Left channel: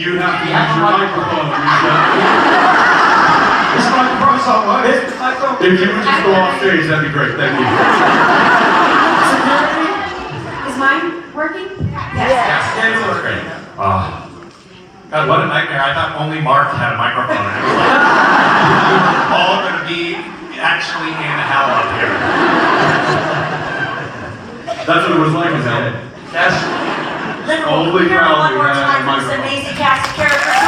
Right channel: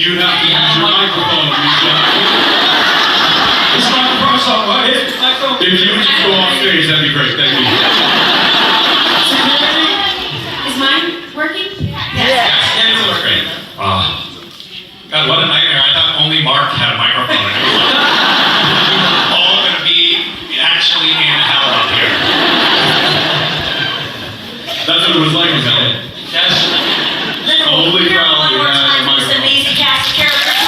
You have to use your microphone. This microphone's not working. If you would just go off stage, that'd be great. Thank you. Security? Is mine working? Yes, it's working. God, what a nightmare. I thought only Mark had a microphone. And it was like, we were all going to be actually in hell up here. That's what it was like, man. Yes. Liverpool, Only here proud one we more had time a for this microphone. amazing cast of characters.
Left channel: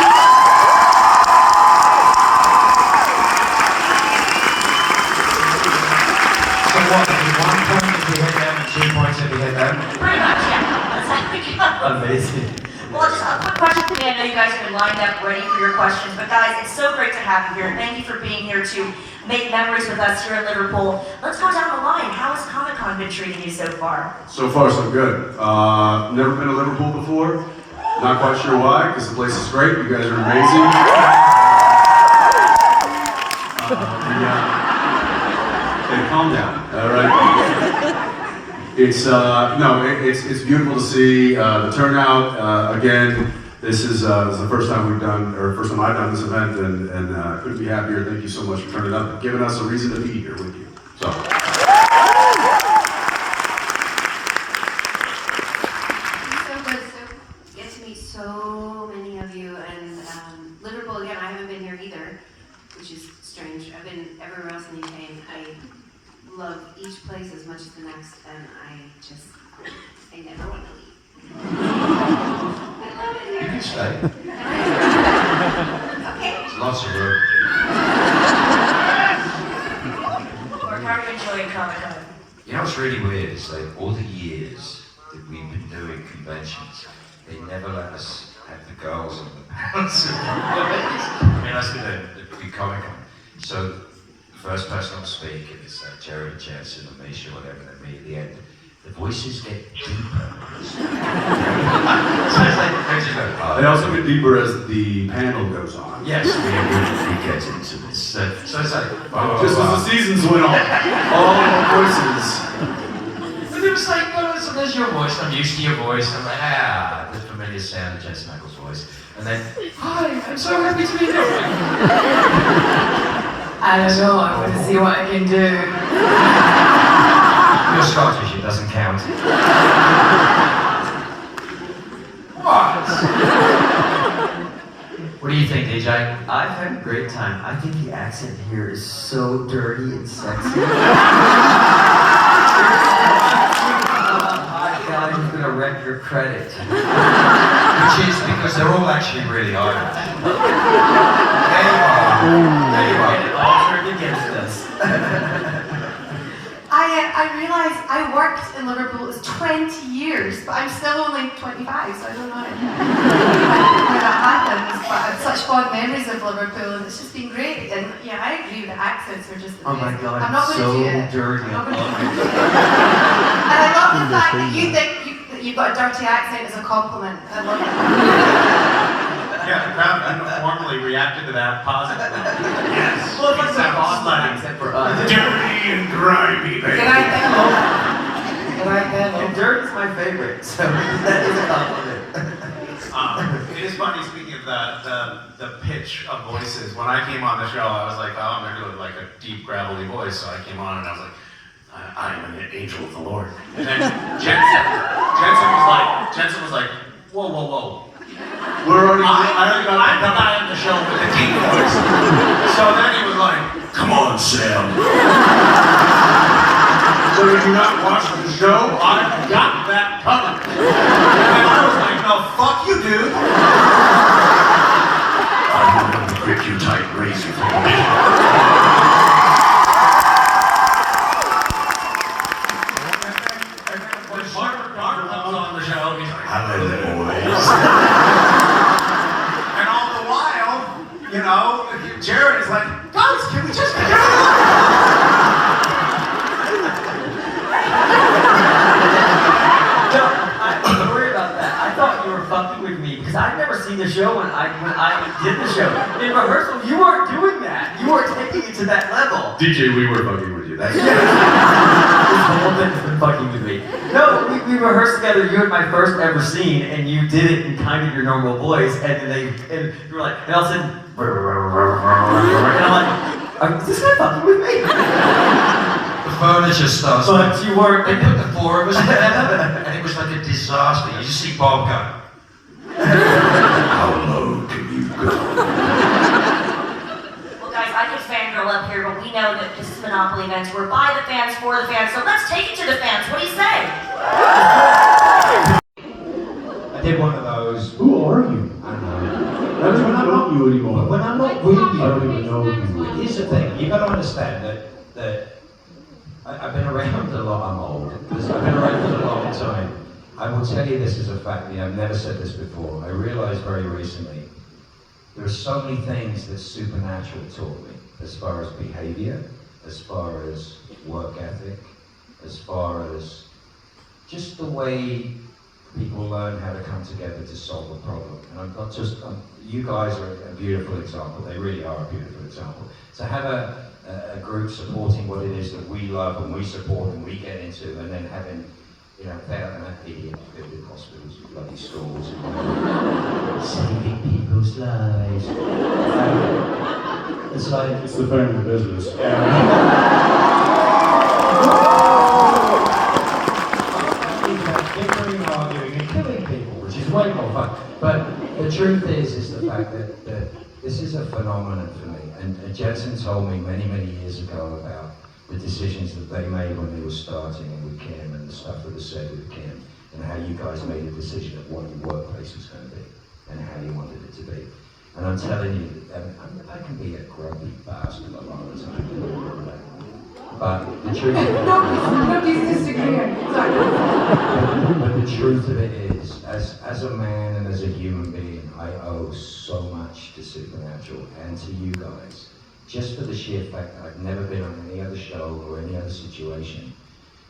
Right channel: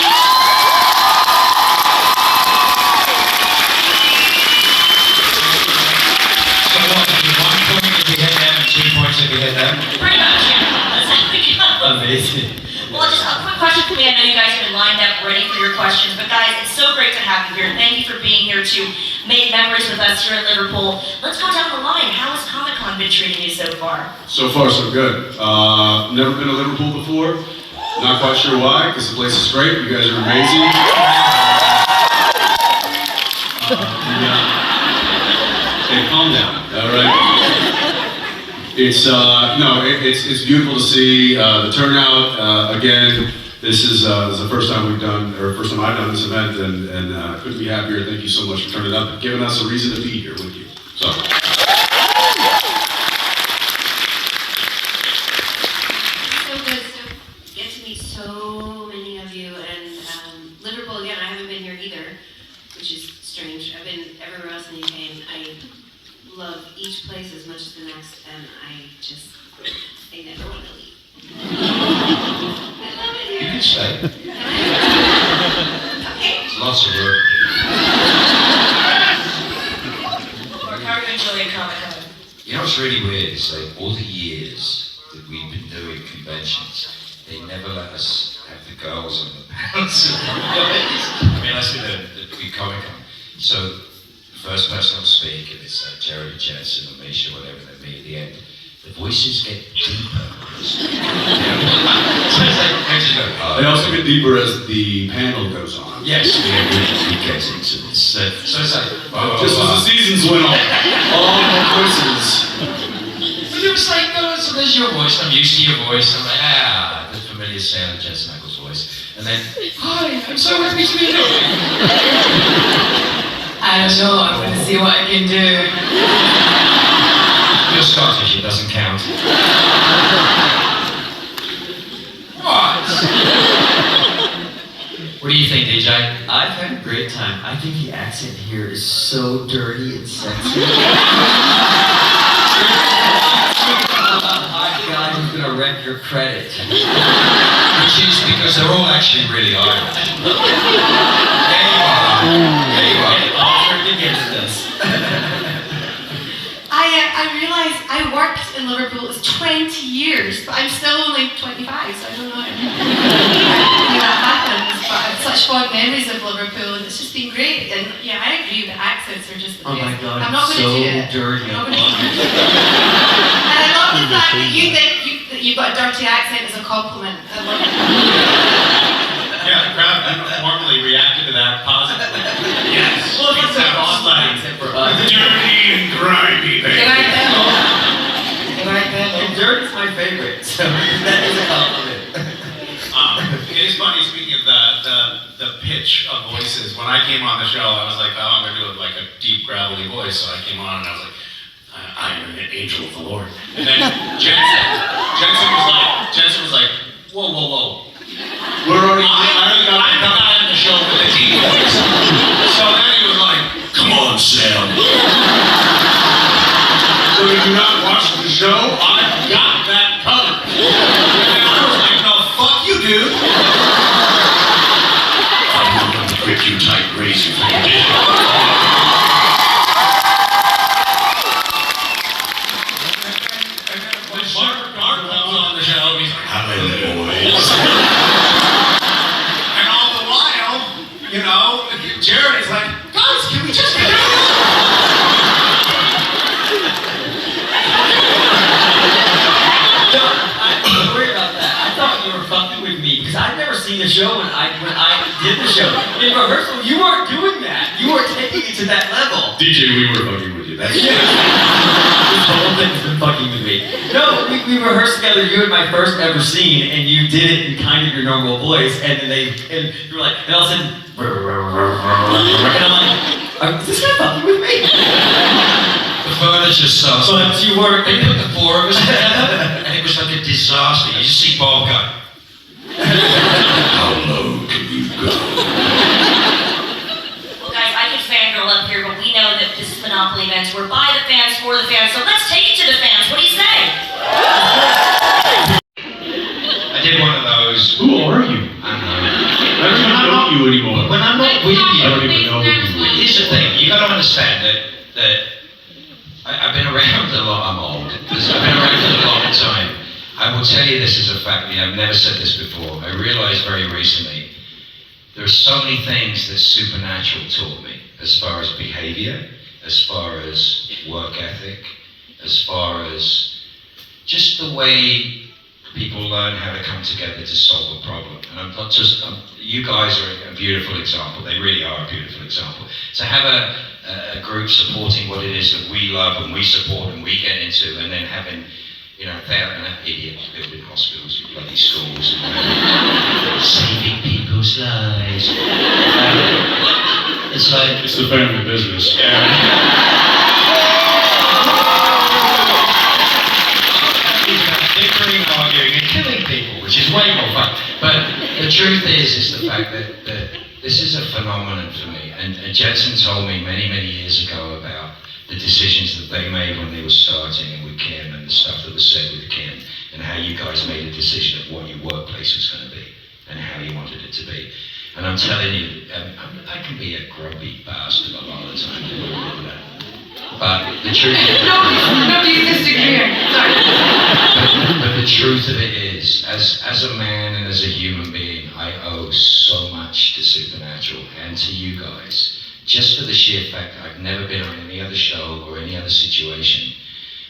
So what, in 1 point if you hit them and 2 points if you hit them? Pretty much, yeah. That's how we go. Amazing. Well, just a quick question for me. I know you guys have been lined up ready for your questions, but guys, it's so great to have you here. Thank you for being here to make memories with us here at Liverpool. Let's go down the line. How has Comic-Con been treating you so far? So far, so good. Never been to Liverpool before. Not quite sure why, because the place is great. You guys are amazing. Hey, calm down. All right. It's it's beautiful to see the turnout. Again, this is the first time we've done, or first time I've done this event, and couldn't be happier. Thank you so much for turning up and giving us a reason to be here with you. So. Get to meet so many of you, and Liverpool, again, I haven't been here either, which is strange. I've been everywhere else in the UK, and I love each place as much as the next, and I never want to leave. I love it here. You can stay. Okay. There's lots of room. Or how are you enjoying Comic-Con? You know what's really weird is like all the years that we've been doing conventions, they never let us have the girls and the pants. I mean, I see the big Comic Con. So the first person will speak, and it's Jerry, Jensen, or Misha, whatever they meet at the end. The voices get deeper. So it's like, They also get deeper as the panel goes on. yes, we get into this. So it's like, Just as the seasons went on, all the voices. But it was like, no, so there's your voice, I'm used to your voice. I'm like, the familiar sound of Jensen Ackles' voice. And then, hi, I'm so happy to be here. I don't know, I'm gonna see what I can do. You're Scottish, it doesn't count. What? What do you think, DJ? I've had a great time. I think the accent here is so dirty and sexy. Hi guys, I'm gonna wreck your credit. Which is because they're all actually really Irish. There you are. There you are. It all turned against us. I realized I worked in Liverpool, it was 20 years, but I'm still only 25, so I don't know how that happens, but I have such fond memories of Liverpool, and it's just been great, and yeah, I agree, the accents are just the Oh my best. god, I'm not it's going so to do it. dirty. I'm not going to do it. And I love the fact that you think that you've got a dirty accent as a compliment. I love it. Yeah, the crowd uniformly reacted to that positively. Yes. Well, it's that a Boston slang. accent for us. Dirty and grimy, baby. Can I pedal? Can I pedal? Dirty's my favorite, so that is a compliment. It is funny, speaking of the pitch of voices, when I came on the show, I was like, oh, I'm going to do like a deep, gravelly voice, so I came on and I was like, I am an angel of the Lord. And then Jensen was like, whoa, whoa, whoa. We're already. I'm the guy on the show with the deep voice. So then he was like, come on, Sam. So if you're not watching the show, I've got that covered. And I was like, no, fuck you, dude. I'm going to grip you tight, raise you from the bed. And then when Mark comes on the show, he's like, hello, boys. And all the while, you know, Jared is like, guys, can we just get Don't worry about that. I thought you were fucking with me because I'd never seen the show when I did the show. In rehearsal, you weren't doing that. You weren't taking it to that level. DJ, we were fucking with you. That's Yeah. whole thing's been fucking with me. No, we rehearsed together. You had my first ever scene, and you did it in kind of your normal voice, and then and you were like, and all of a sudden, and I'm like, is this guy fucking with me? The furniture starts. But you weren't. They put the four of us together, and it was like a disaster. You just see Bob go, how low can you go? Well, guys, I could fangirl up here, but we know that this is Monopoly events. We're by the fans, for the fans, so let's take it to the fans. What do you say? I did one of those. Who are you? I don't know. I don't even know you anymore. When I'm not with you, I don't even know who you are. here's the thing. You got to understand that I've been around a lot. I'm old. I've been around for a long time. I will tell you this as a fact. I've never said this before. I realized very recently there are so many things that supernatural taught me, as far as behavior, as far as work ethic, as far as just the way people learn how to come together to solve a problem. And I'm not just, you guys are a beautiful example. They really are a beautiful example. To have a group supporting what it is that we love and we support and we get into, and then having, they're an idiot building hospitals, bloody schools, saving people's lives. It's like... It's the family business. Bickering, arguing, and killing people, which is way more fun. But the truth is the fact that this is a phenomenon for me. And Jensen told me many, many years ago about the decisions that they made when they were starting and with Kim, and the stuff that was said with Kim, and how you guys made a decision of what your workplace was going to be and how you wanted it to be. And I'm telling you, I can be a grubby bastard a lot of the time. But the truth is... Nobody's disagreeing. Sorry. But the truth of it is, as a man and as a human being, I owe so much to Supernatural and to you guys. Just for the sheer fact that I've never been on any other show or any other situation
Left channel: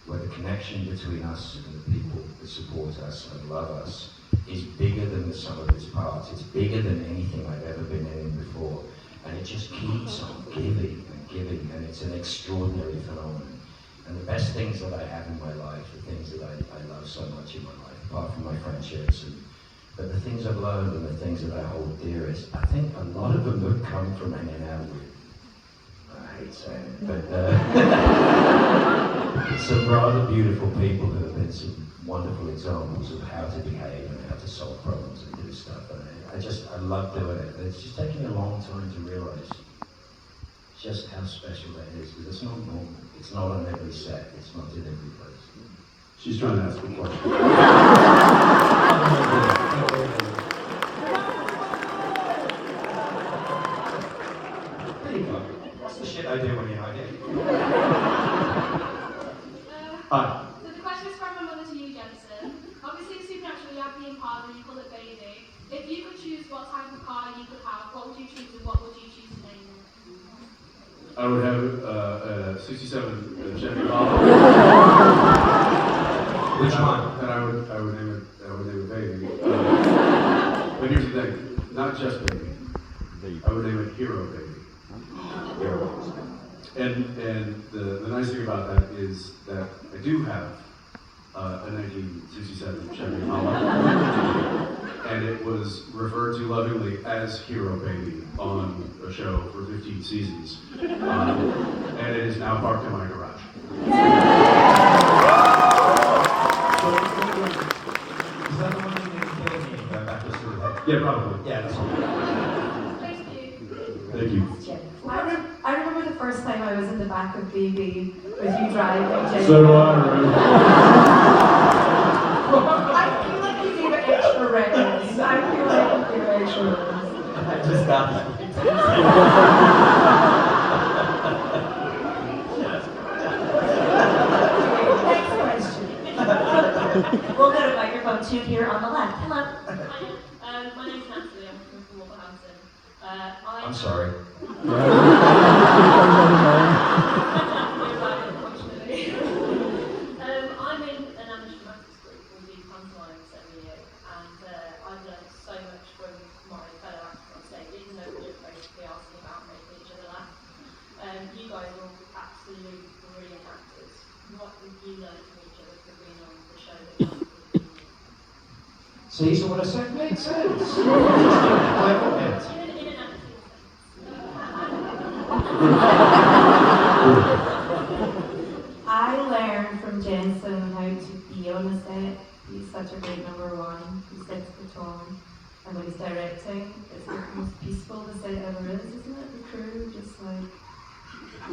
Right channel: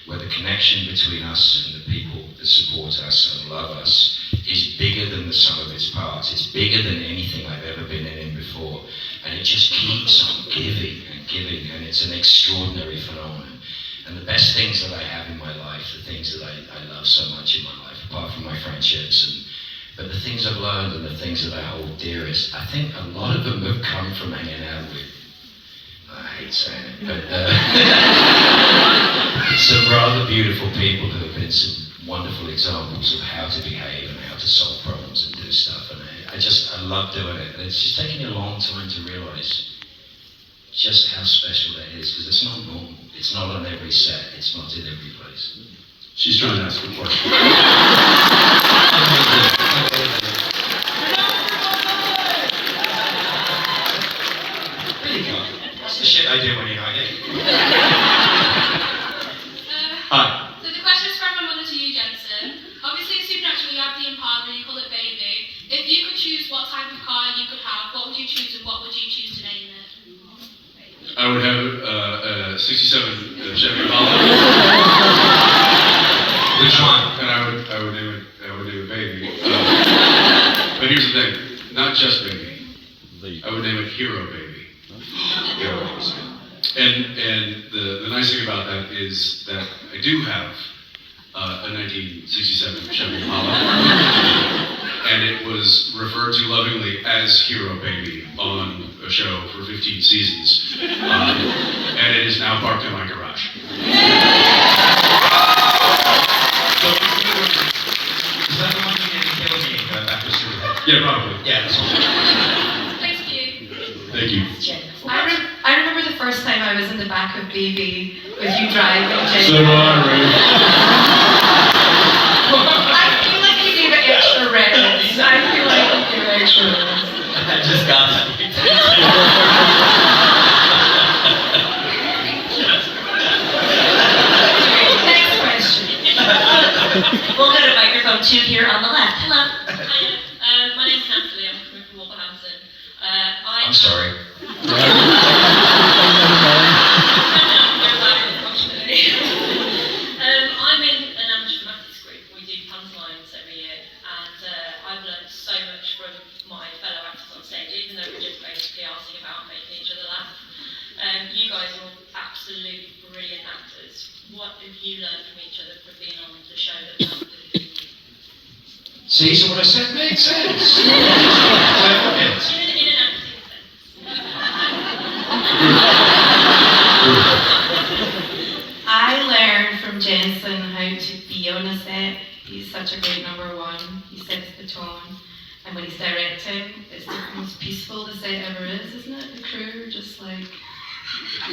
where the connection between us and the people that support us and love us is bigger than the sum of its parts. It's bigger than anything I've ever been in before. And it just keeps on giving and giving, and it's an extraordinary phenomenon. And the best things that I have in my life, the things that I love so much in my life, apart from my friendships, but the things I've learned and the things that I hold dearest, I think a lot of them have come from hanging out with, I hate saying it, but some rather beautiful people who have been some wonderful examples of how to behave and how to solve problems and do stuff. And I love doing it. It's just taken me a long time to realize just how special that is, because it's not normal. It's not on every set. It's not in every place. She's trying to ask a question. That's the shit I do when you're not here. Hi. So the question is from my mother to you, Jensen. Obviously, in Supernatural, you have the Impala, you call it Baby. If you could choose what type of car you could have, what would you choose and what would you choose to name it? I would have a 67 Chevy Impala. Which one? And I would name it Baby. But here's the thing, not just Baby. I would name it Hero Baby. Hero. And the nice thing about that is that I do have a 1967 Chevy Impala, and it was referred to lovingly as Hero Baby on a show for 15 seasons, and it is now parked in my garage. Is that the one you didn't kill me and go backwards through the head? Yeah, probably. Yeah, that's all. Thank you. Thank you. I remember the first time I was in the back of Baby with you driving. So do I, Ray. I feel like you gave it extra reverence. I feel like you gave it extra reverence. I just got that. Next question. We'll go to microphone 2 here on the left. Hello. My name's Natalie. I'm coming from Wolverhampton. I'm sorry. I'm in an amateur dramatics group. We do pantomimes every year, and I've learned so much from my fellow actors on stage, even though we're just basically asking about absolute brilliant actors. What have you learned from each other from being on the show that was absolutely brilliant? See, so what I said makes sense. Clever hint. In an acting sense. I learned from Jensen how to be on a set. He's such a great number one. He sets the tone. And when he's directing, it's the most peaceful the set ever is, isn't it? The crew are just like... I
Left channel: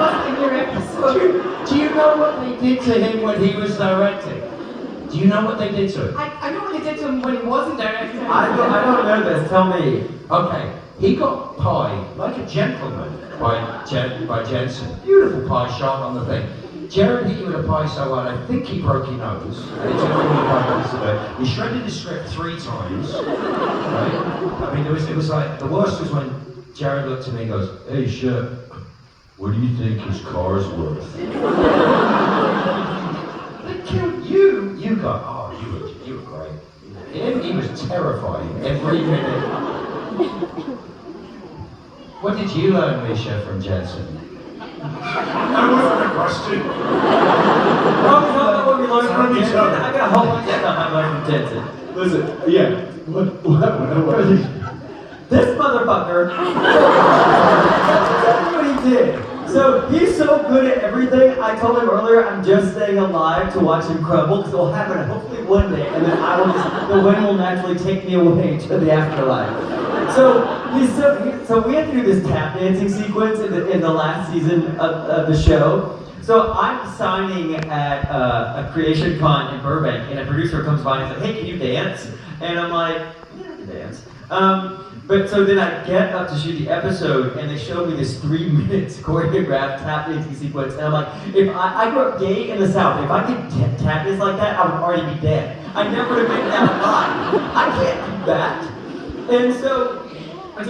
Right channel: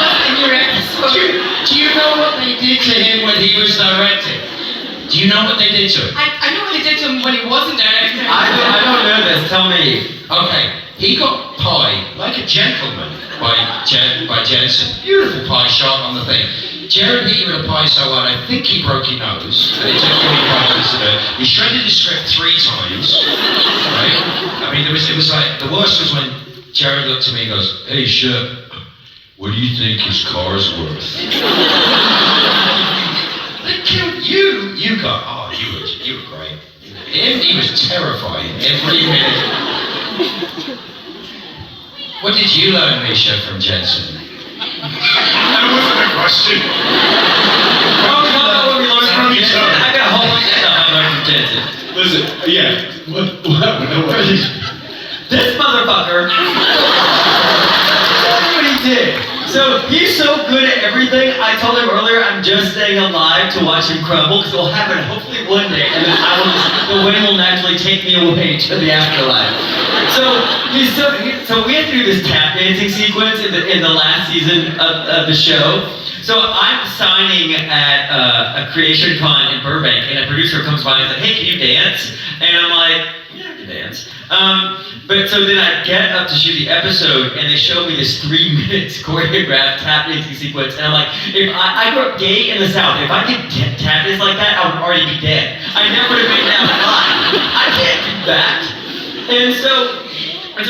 was in your episode. Do you know what they did to him when he was directing? Do you know what they did to him? I know what they did to him when he wasn't directing. I don't know this. Tell me. Okay, he got pie like a gentleman by Jensen. Beautiful pie shot on the thing. Jared hit you with a pie so hard, I think he broke your nose. And it took him 5 minutes to do it. We shredded his script 3 times. Right? I mean, it was like, the worst was when Jared looked at me and goes, "Hey, Shep, what do you think his car's worth?" They killed you. You got, oh, you were great. Him, he was terrifying every minute. What did you learn, Misha, from Jensen? That wasn't a question. What we learned from Jensen. I got a whole bunch of stuff I learned from Jensen. Listen, yeah. What? This motherfucker. That's what he did. So he's so good at everything. I told him earlier I'm just staying alive to watch him crumble because it'll happen hopefully one day, and then the wind will naturally take me away to the afterlife. So we had to do this tap dancing sequence in the last season of the show. So I'm signing at a creation con in Burbank, and a producer comes by and says, "Hey, can you dance?" And I'm like, "Yeah, I can dance." But so then I get up to shoot the episode, and they show me this 3 minutes choreographed tap dancing sequence, and I'm like, if I grew up gay in the South, if I did tap dance like that, I would already be dead. I never would have made that alive. I can't do that. And so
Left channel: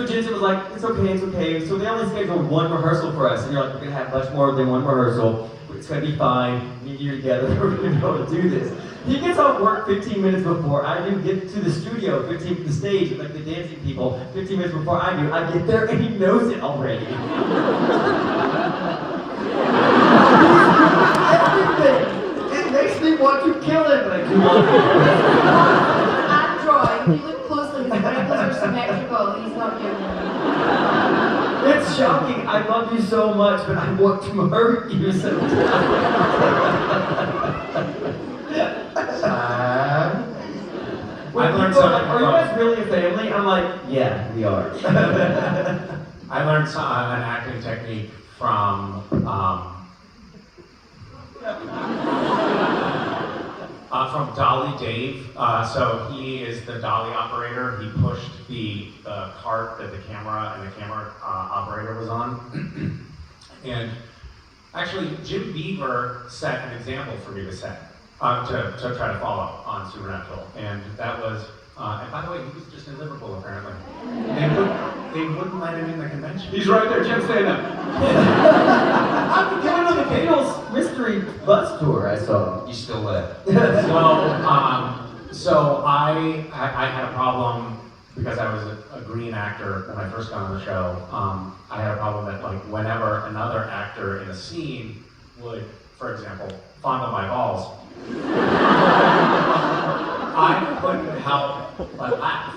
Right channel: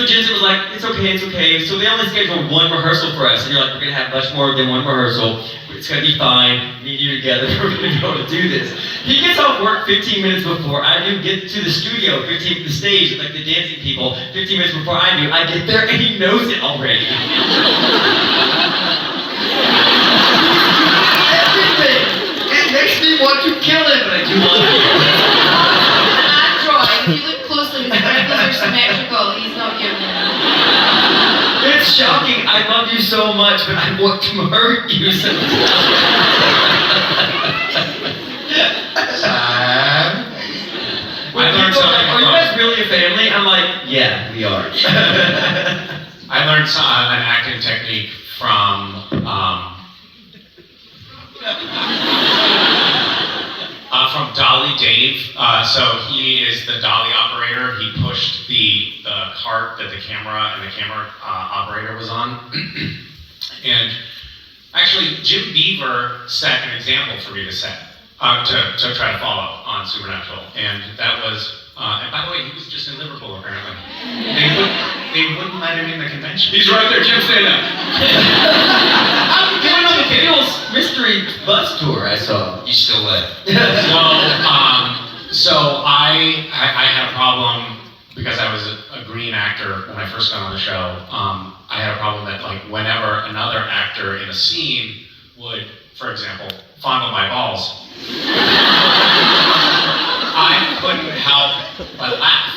Jensen was like, it's okay. So they only scheduled 1 rehearsal for us, and you're like, we're gonna have much more than 1 rehearsal. It's gonna be fine. Me and you together, we're gonna be able to do this. He gets off work 15 minutes before I do. Get to the studio, the stage, like the dancing people, 15 minutes before I do. I get there and he knows it already. Everything. It makes me want to kill him, but I do want to. I'm drawing. If you look closely, his wrinkles are symmetrical. He's not human. It's shocking. I love you so much, but I want to hurt you sometimes. When people are like, "Are you guys really a family?" I'm like, "Yeah, we are." I learned an acting technique from Dolly Dave. So he is the dolly operator. He pushed the cart that the camera operator was on. And actually, Jim Beaver set an example for me to set, to try to follow on Supernatural. And that was, and by the way, he was just in Liverpool apparently. They wouldn't let him in the convention. He's right there, Jim, stand up. I'm going on the Beatles mystery bus tour. I saw. You still there? So I had a problem because I was a green actor when I first got on the show. I had a problem that like whenever another actor in a scene would, for example, fondle my balls, I couldn't help but laugh.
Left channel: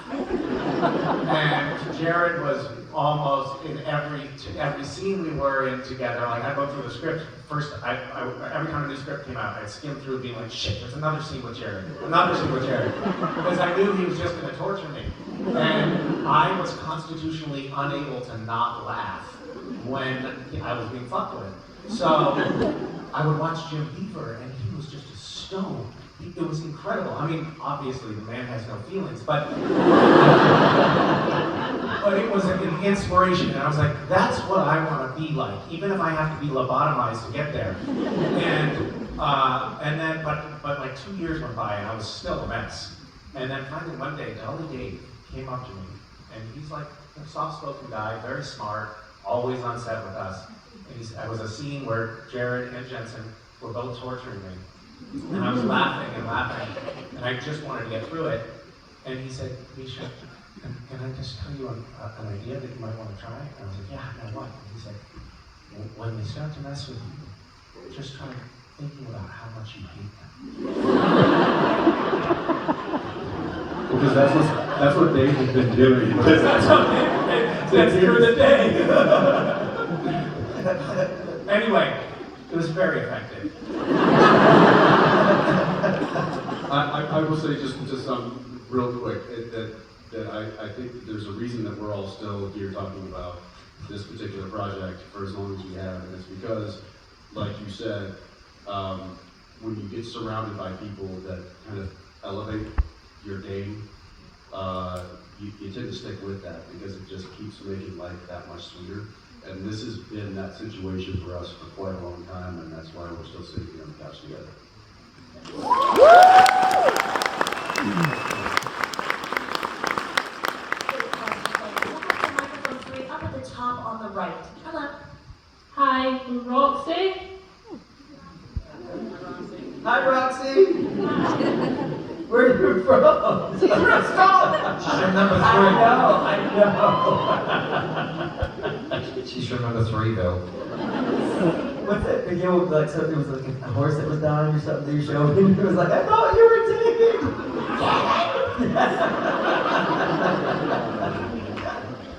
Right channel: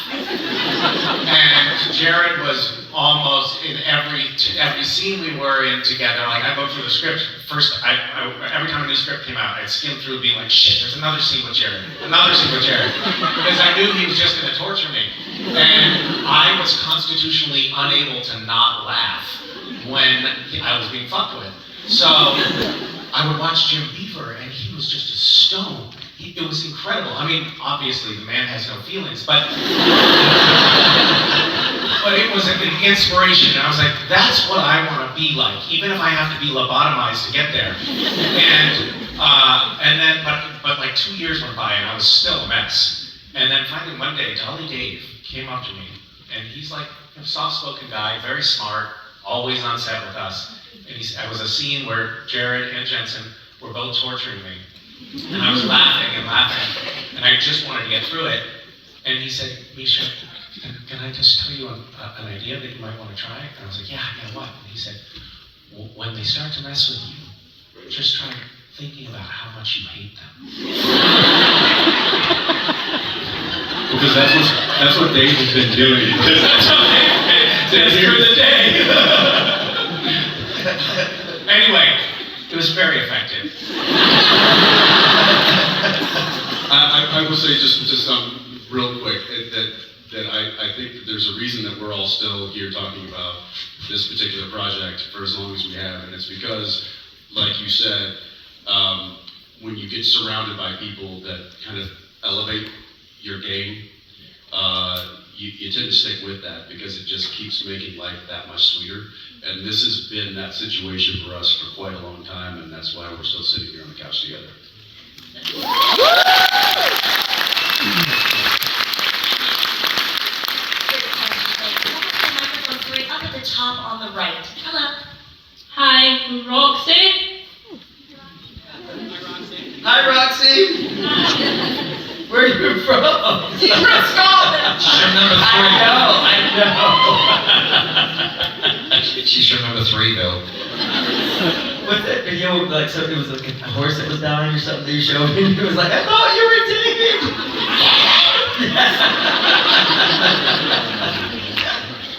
And Jared was almost in every scene we were in together. Like I go through the script first. Every time a new script came out, I'd skim through, being like, "Shit, there's another scene with Jared, because I knew he was just going to torture me. And I was constitutionally unable to not laugh when I was being fucked with. So I would watch Jim Beaver, and he was just a stone. It was incredible. I mean, obviously the man has no feelings, but it was an inspiration. And I was like, that's what I want to be like, even if I have to be lobotomized to get there. And then, but like 2 years went by, and I was still a mess. And then finally one day, Dolly Dave came up to me, and he's like a soft-spoken guy, very smart, always on set with us. And it was a scene where Jared and Jensen were both torturing me. And I was laughing and laughing, and I just wanted to get through it. And he said, "Misha, can I just tell you an idea that you might want to try?" And I was like, yeah, what? And he said, when they start to mess with you, just try thinking about how much you hate them. Because that's what Dave has been doing. That's for the day. Anyway, it was very effective. I will say just real quick that I think that there's a reason that we're all still here talking about this particular project for as long as we have, and it's because, like you said, when you get surrounded by people that kind of elevate your game, you tend to stick with that because it just keeps making life that much sweeter. And this has been that situation for us for quite a long time, and that's why we're still sitting here on the couch together. Microphone 3 up at the top on the right. Hello. Hi, I'm Roxy. Hi, Roxy. Where are you from? She's from Scotland. She's from number 3. I know. She's from number 3, Bill. What's that video of, like, so it was like a horse that was dying or something that you showed me, and it was like, I thought you were David!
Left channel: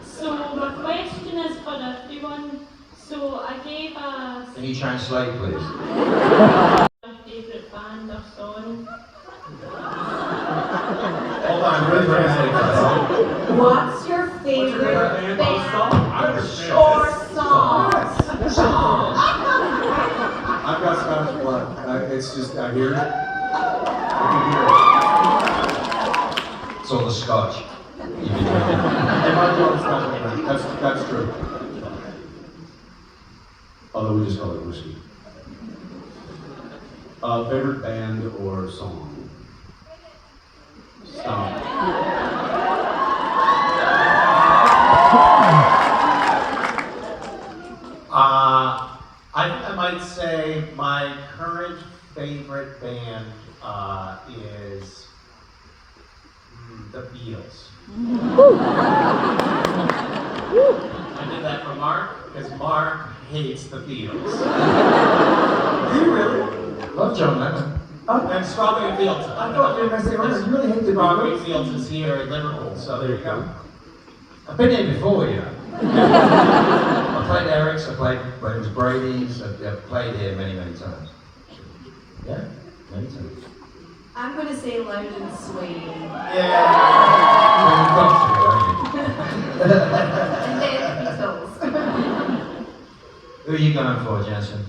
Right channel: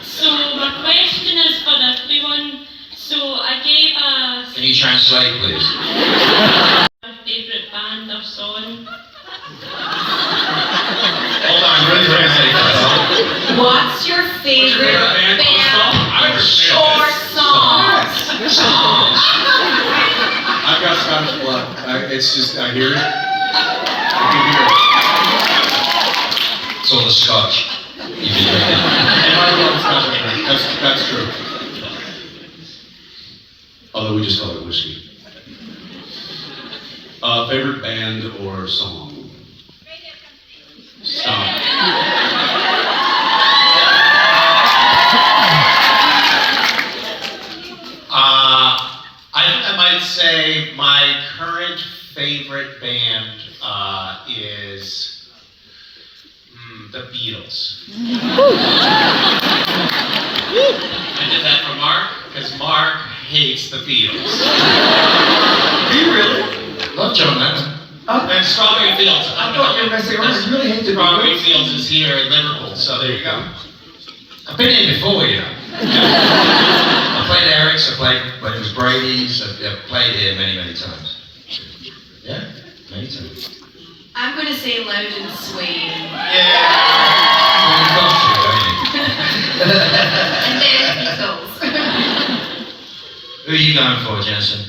So my question is for everyone. So I gave a Can you translate, please? favourite band or song. Hold on, really translate that. What's your favorite band or song? I've got Scottish blood. It's just, I hear it. I can hear it. It's all the Scotch. You've been drinking. And I love Scottish drink. That's true. Although we just call it whiskey. Favorite band or song? Stop. I might say my current favorite band is the Beatles. I did that for Mark because Mark hates the Beatles. Do you really? Love John Lennon. And Strawberry Fields. I thought you were going to say, oh, I really hate the Strawberry Beatles. Fields is here in Liverpool, so there you go. I've been here before, you know. I played Eric's, I played when it was Brady's, I've played here many, many times. Yeah, many times. I'm going to say Loud and Sway. Yeah. Well, you've got to, And then Beatles. Who are you going for, Jensen?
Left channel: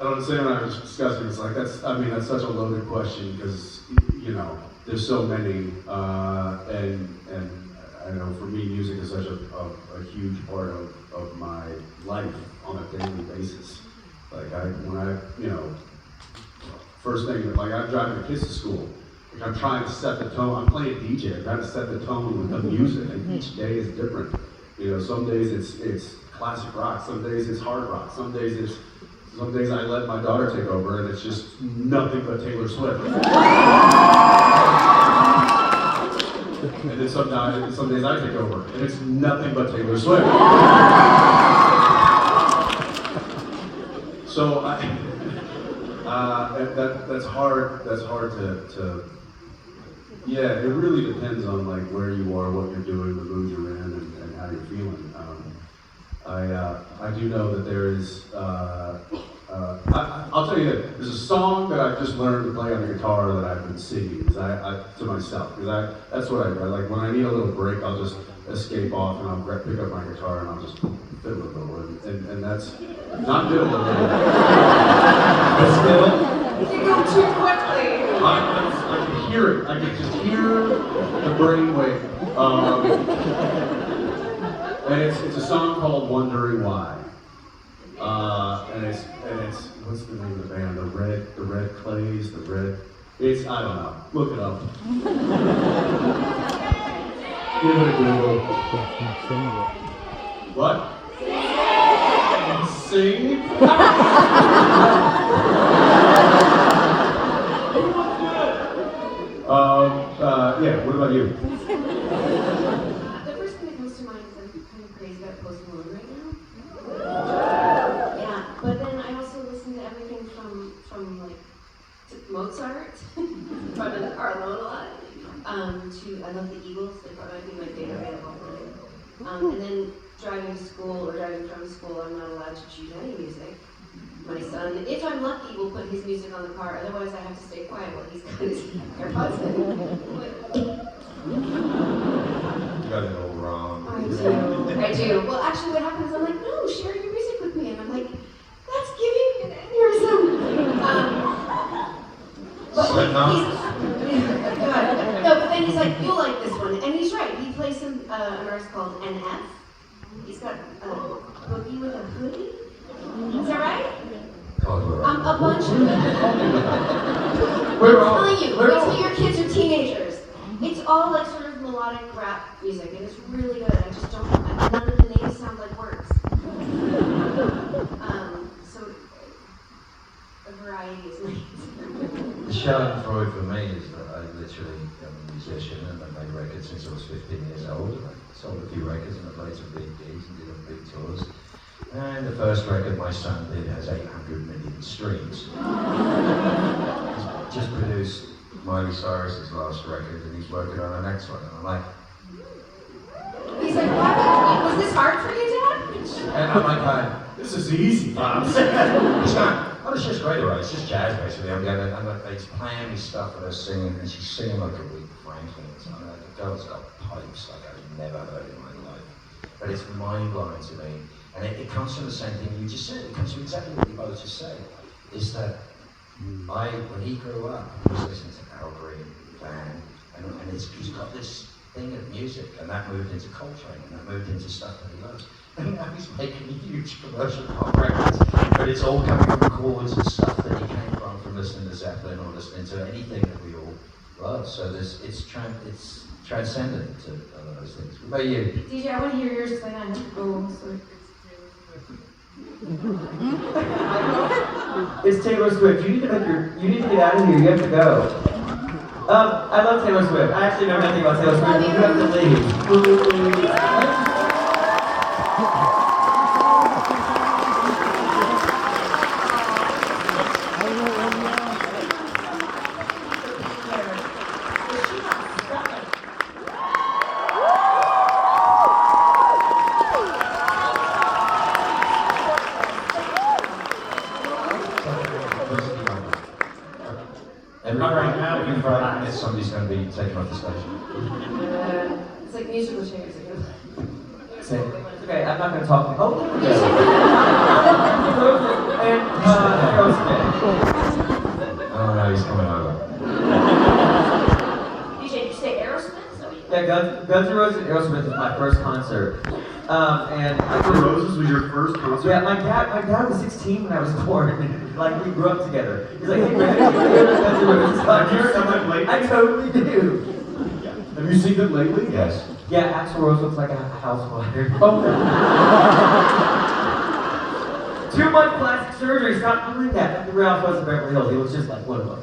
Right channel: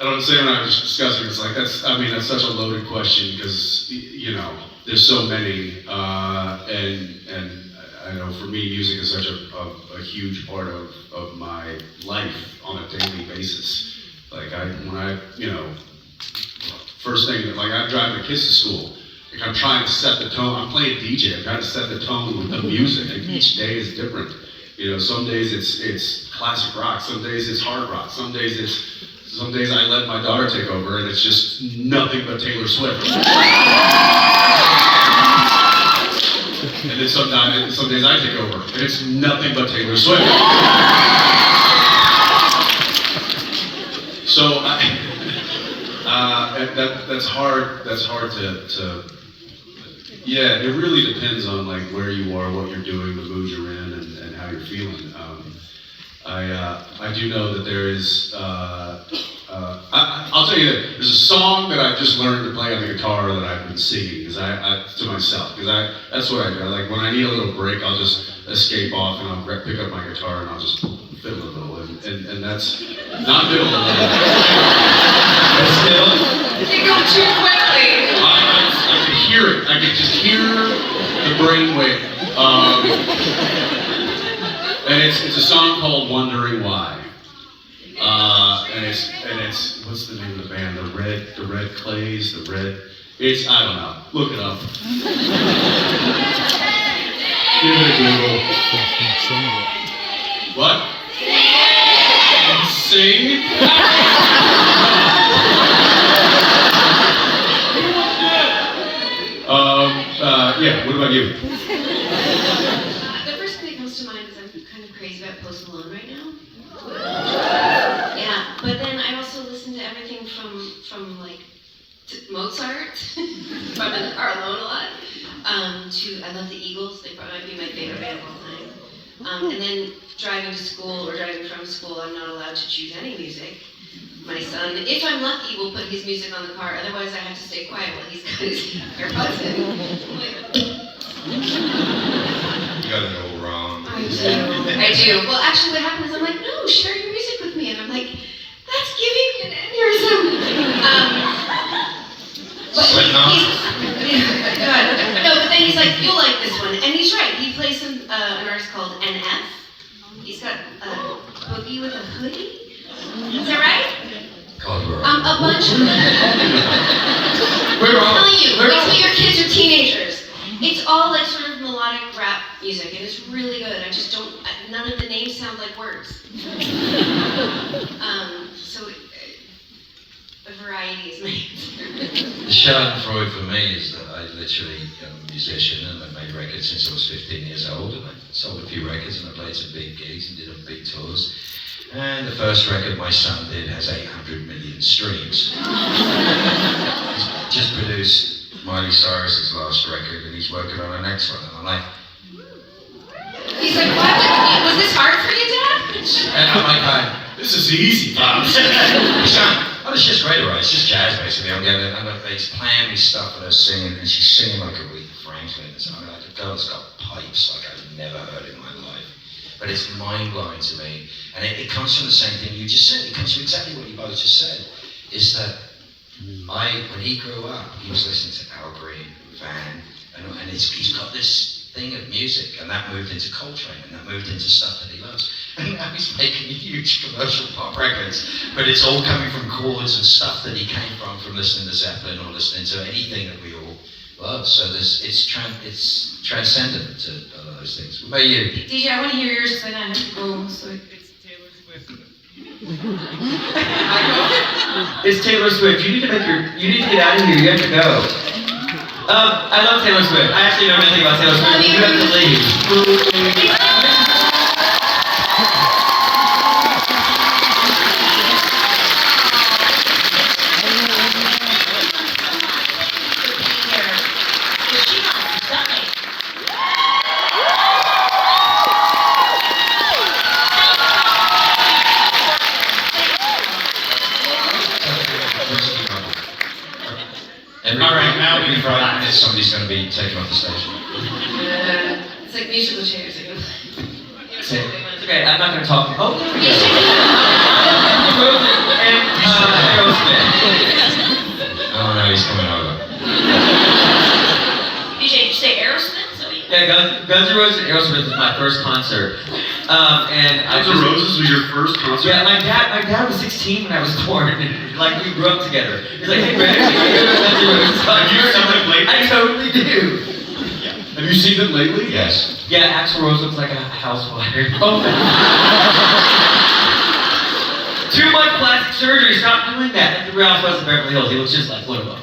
I don't say when I was discussing, it's like, that's such a loaded question because, you know, there's so many, and I know for me, music is such a huge part of my life on a daily basis. Like first thing, like I'm driving the kids to school, like I'm trying to set the tone, I'm playing DJ, I'm trying to set the tone with the music, and each day is different. You know, some days it's classic rock, some days it's hard rock, some days I let my daughter take over and it's just nothing but Taylor Swift. And then some days I take over and it's nothing but Taylor Swift. So that's hard to, yeah, it really depends on like where you are, what you're doing, the mood you're in, and how you're feeling. I do know that there is, I'll tell you that there's a song that I've just learned to play on the guitar that I've been singing to myself, because that's what I do. Like when I need a little break, I'll just escape off and I'll pick up my guitar and I'll just fiddle a little, and that's not fiddle a little. You go too quickly. I can hear it. I can just hear the brainwave. And it's a song called "Wondering Why." And it's what's the name of the band? The Red Clays, it's, I don't know. Look it up. Give it a Google. What? Sing? Yeah, what about you? The first thing that comes to mind is I'm kind of crazy about Post Malone right now. from like Mozart, if I'm in the car alone a lot, to I love the Eagles. They probably might be my favorite band of all time. And then driving to school or driving from school, I'm not allowed to choose any music. My son, if I'm lucky, will put his music on the car. Otherwise, I have to stay quiet while he's got his AirPods in. You got it all wrong. I do. Well, actually, what happened is I'm like, no, share your music with me, and I'm like, that's giving me an aneurysm. But no, but then he's like, you'll like this one, and he's right. He plays an artist called NF. He's got a boogie with a hoodie. Is that right? God, we're right. A bunch of I'm telling you, wait till your kids are teenagers. It's all like sort of melodic rap music, and it's really good. I just don't, none of the names sound like words. So a variety is made. The Schadenfreude for me is that I literally am a musician and I've made records since I was 15 years old, and I sold a few records and I played some big gigs and did some big tours. And the first record my son did has 800 million streams. He's just produced Miley Cyrus's last record and he's working on the next one, and I'm like, He's like, what? Was this hard for you, Dad? and I'm like, this is easy, Pops. He's going, oh, it's just great, right? It's just jazz, basically. He's playing me stuff with her singing, and she's singing like Aretha Franklin or something. Like a girl's got pipes like I've never heard in my life. But it's mind-blowing to me. And it comes from the same thing you just said. It comes from exactly what you both just said. Is that when he grew up, he was listening to Al Green, Van, and he's got this thing of music, and that moved into Coltrane, and that moved into stuff that he loves. And now he's making huge commercial pop records, but it's all coming from chords and stuff that he came from listening to Zeppelin or listening to anything that we all love. So it's transcendent to all of those things. What about you? DJ, I want to hear yours because then I have to go. So It's Taylor Swift. You need to get out of here. You have to go. I love Taylor Swift. I actually know nothing about Taylor Swift. You have to leave. All right, now we Friday, somebody's going to be taken off the stage. It's like musical chairs. It's okay, I'm not going to talk. Oh, and Aerosmith. Oh no, he's coming over. DJ, did you say Aerosmith? Yeah, Guns N' Roses and Aerosmith was my first concert. And Guns N' Roses was your first concert? Yeah, my dad was 16 when I was born, and like we grew up together. He's like, hey, Brandon, you go to Guns N' Roses concert? Have you seen them lately? I totally do. Have you seen them lately? Yes. Yeah, Axl Rose looks like a housewife. Too much plastic surgery. Stop doing that. Like the Real Housewives of Beverly Hills. He looks just like one of them.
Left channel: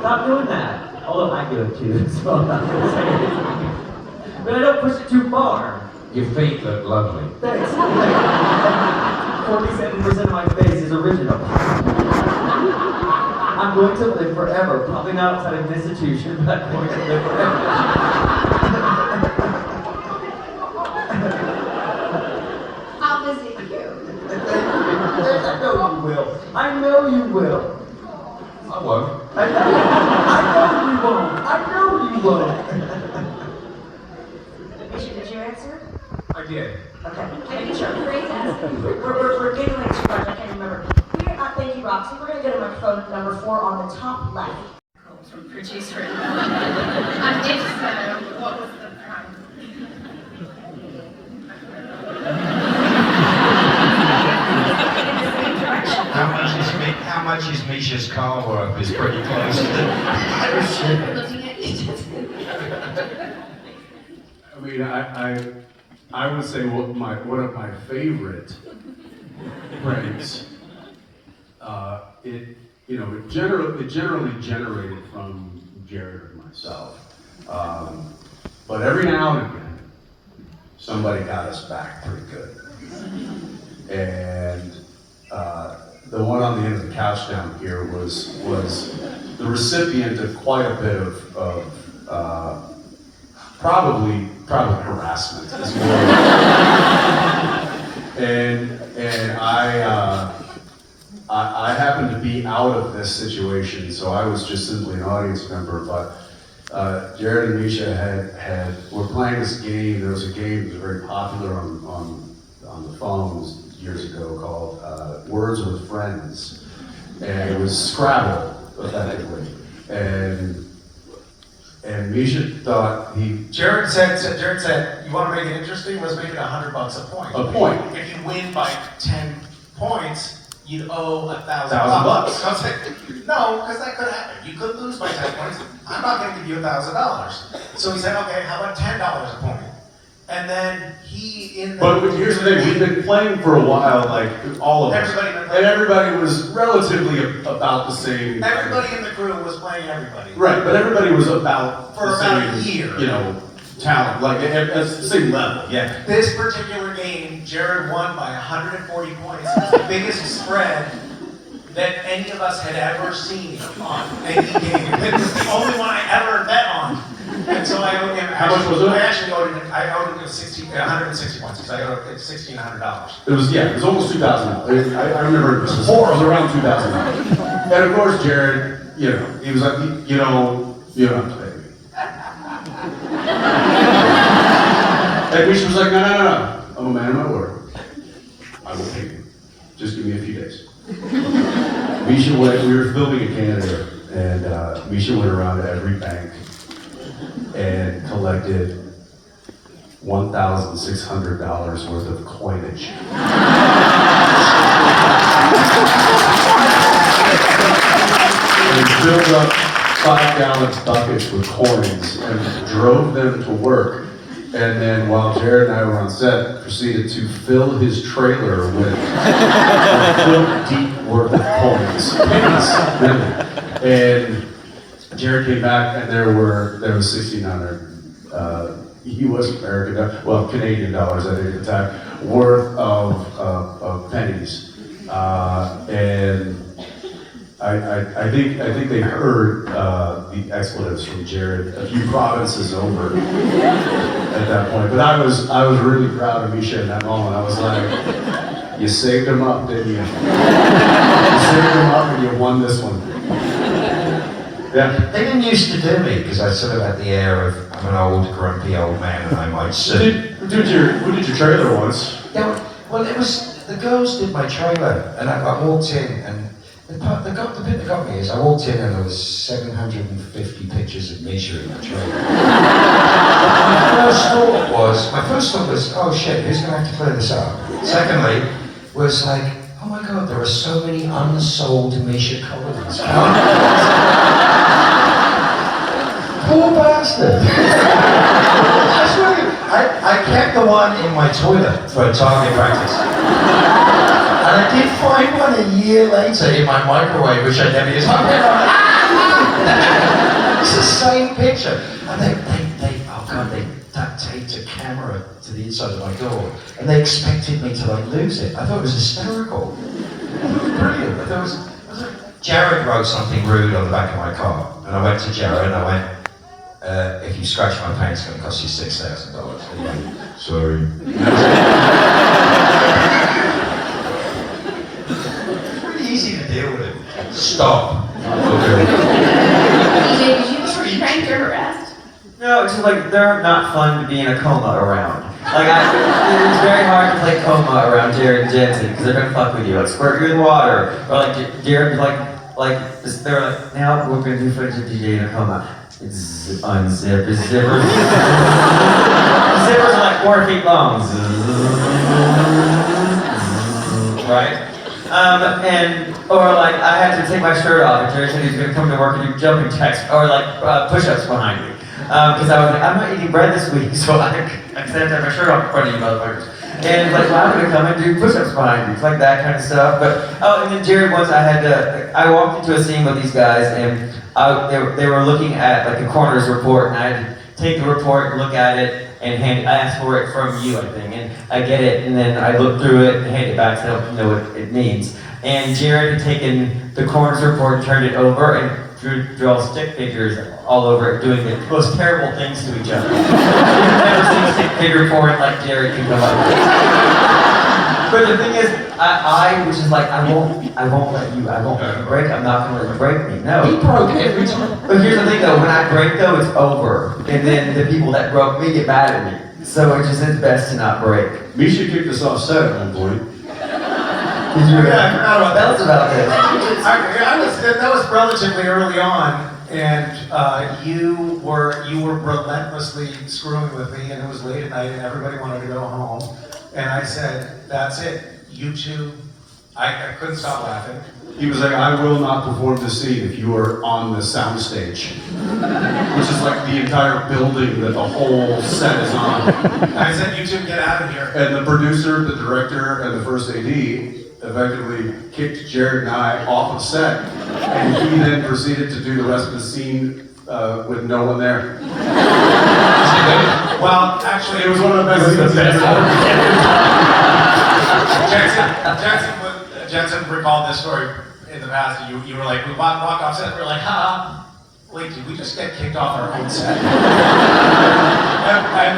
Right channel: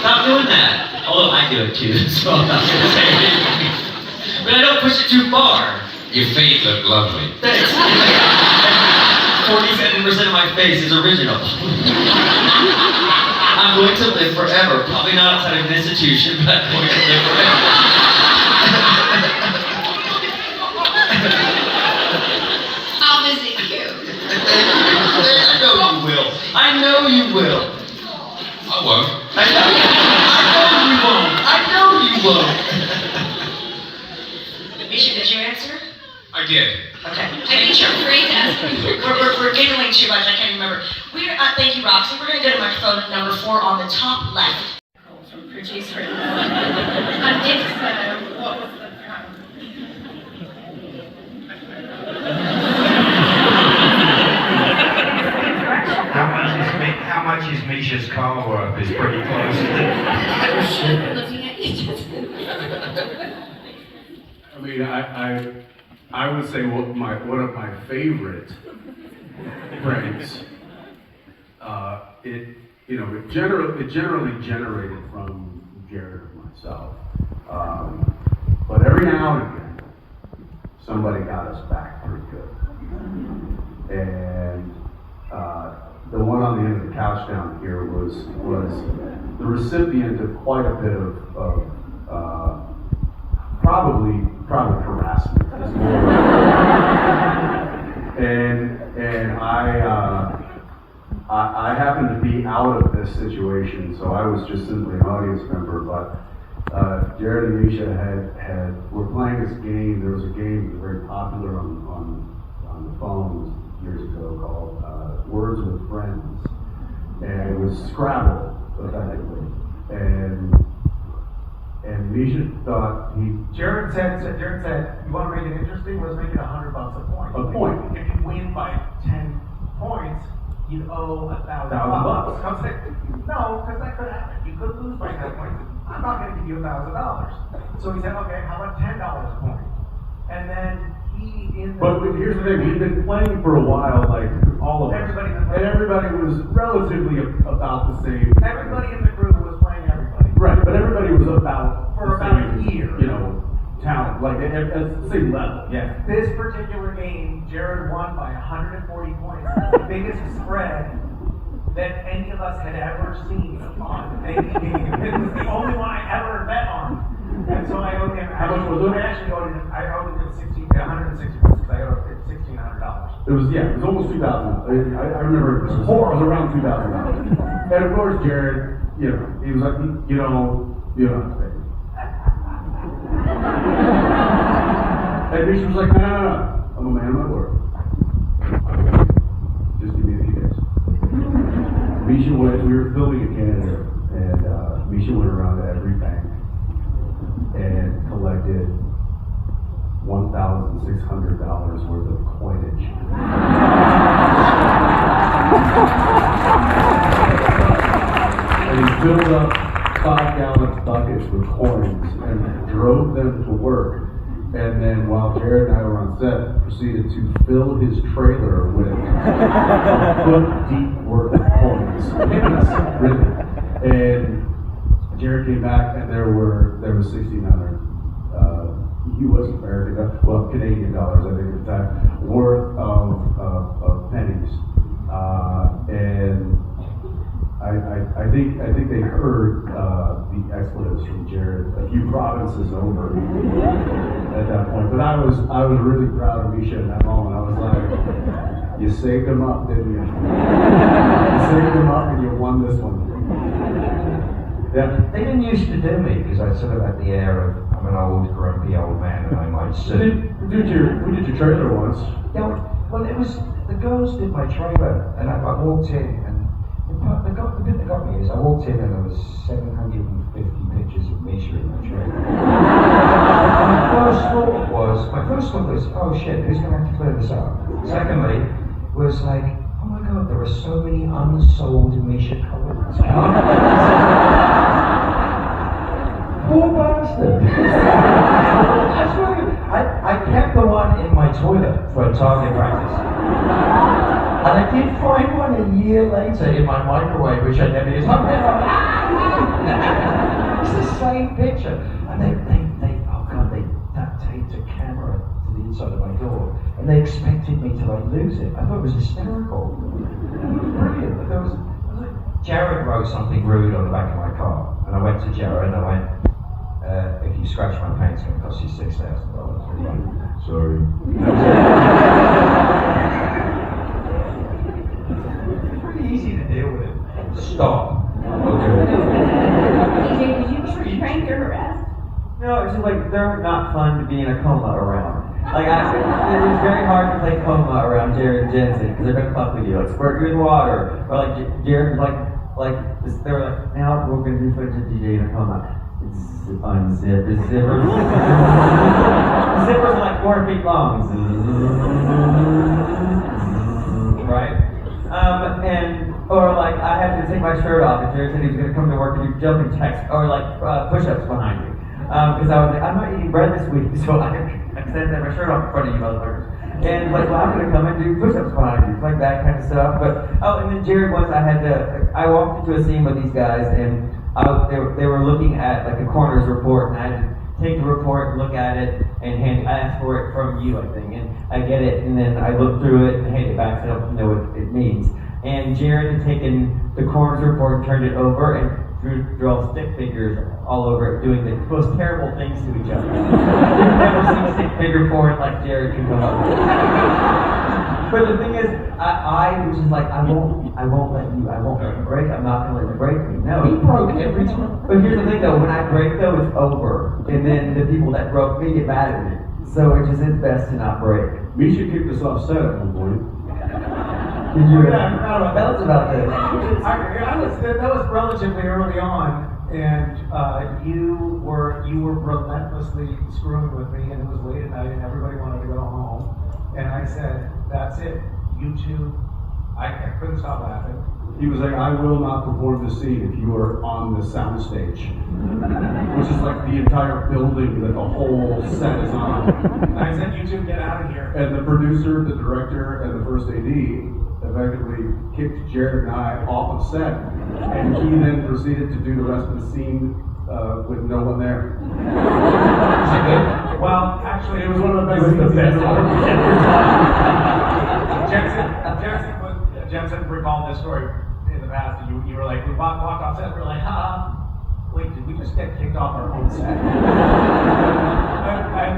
Stop doing that. Although I do it too, so I'm not gonna say anything. But I don't push it too far. Your feet look lovely. 47% of my face is original. I'm going to live forever. Probably not outside of an institution, but I'm going to live forever. I'll visit you. I know you will. I know you will. I won't. I know you won't. Misha, did you answer? I did. Okay. I think you're afraid to ask me. We're giggling too much, I can't remember. Thank you, Roxy. We're going to go to microphone number 4 on the top left. From producer. And if so, what was the price? How much is Misha's car worth is pretty close. Looking at you. I mean, I would say one of my favorite pranks. It generally generated from Jared or myself. But every now and again, somebody got us back pretty good. And the one on the end of the couch down here was the recipient of quite a bit of probably harassment as well. and I happened to be out of this situation, so I was just simply an audience member. But Jared and Misha were playing this game. There was a game that was very popular on the phones years ago called Words with Friends, and it was Scrabble, effectively. And Misha thought Jared said, you want to make it interesting? Let's make it $100 a point. A point. If you win by 10 points, you'd owe $1,000. $1,000. I was like, no, because that could happen. You could lose by 10 points. I'm not going to give you $1,000. So he said, okay, how about $10 a point? And then But here's the thing, we've been playing for a while, like all of us. And everybody was relatively about the same. Everybody in the crew was playing everybody. Right, but everybody was about For the about a same, year. you know, talent, like at the same level, yeah. This particular game, Jared won by 140 points. It was the biggest spread that any of us had ever seen on any game. It was the only one I ever bet on. And so I owed him. How much was it? I actually owed him 160 points because I owed him $1,600. It was almost $2,000. I remember it was around $2,000. And of course, Jared, he was like, you don't have to pay me. And Misha was like, no, I'm a man of my word. I will pay you. Just give me a few days. Misha we were filming in Canada, and Misha went around to every bank and collected $1,600 worth of coinage. And filled up 5-gallon buckets with coins and drove them to work. And then while Jared and I were on set, proceeded to fill his trailer with a foot deep worth of coins. Really. And Jared came back, and there was 1,600 U.S. Canadian dollars, I think at the time, worth of pennies, and I think they heard the expletives from Jared a few provinces over at that point. But I was really proud of Misha in that moment. I was like, you saved him up, didn't you? You saved him up, and you won this one. Yeah. They didn't used to do me because I sort of had the air of I'm an old, grumpy old man and I might sue. Who did your trailer once? Yeah, well, it was the girls did my trailer, and I walked in, and the bit that got me is I walked in and there was 750 pictures of Misha in that trailer. My first thought was, oh shit, who's going to have to clear this up? Secondly, was like, oh my god, there are so many unsold Misha colonies. Poor bastard. I kept the one in my toilet for target practice. And I did find one a year later in my microwave, which I never used. It's the same picture. And they duct taped a camera to the inside of my door, and they expected me to lose it. I thought it was hysterical. It was brilliant. I thought it was Jared wrote something rude on the back of my car, and I went to Jared and I went, if you scratch my paint, it's going to cost you $6,000. Sorry. It's really easy to deal with it. Stop. DJ, did you ever pranked or harassed? No, it's just like they're not fun to be in a coma around. Like it's very hard to play coma around Jared and Jensen because they're gonna fuck with you, like squirt you in water, or like Jared they're like, now we're gonna do footage of DJ in a coma. Unzip his zippers. Zippers are like 4 feet long. Right? Or like I had to take my shirt off and Jerry said he was gonna come to work and do jumping jacks or like push-ups behind me. Because I was like, I'm not eating bread this week, so I have to have my shirt off in front of you motherfuckers. And like, well, I'm gonna come and do push-ups behind you, like that kind of stuff. But and then Jared once I walked into a scene with these guys and they were looking at like a coroner's report and I had to take the report, look at it, and I ask for it from you, I think, and I get it, and then I look through it and hand it back so I don't know what it means. And Jared had taken the coroner's report and turned it over and drew all stick figures all over it, doing the most terrible things to each other. You've never seen a stick figure report like Jared can come up with. But the thing is, I was just like, I won't let you break. I'm not gonna let you break me. No. He broke every time. But here's the thing though, when I break though, it's over. And then the people that broke me get mad at me. So it just is best to not break. Misha kicked us off set at one point. Did you? Yeah, I forgot about Tell us about this. that was relatively early on, and you were relentlessly screwing with me, and it was late at night, and everybody wanted to go home, and I said, "That's it, you two." I couldn't stop laughing. He was like, I will not perform this scene if you are on the soundstage. Which is like the entire building that the whole set is on. I said, "You two get out of here." And the producer, the director, and the first AD effectively kicked Jared and I off of set. And he then proceeded to do the rest of the scene with no one there. Well, actually, It was one of the best scenes ever. Jensen recalled this story in the past. And you were like, we walked off set, and we were like, ha. Wait, did we just get kicked off our own set? and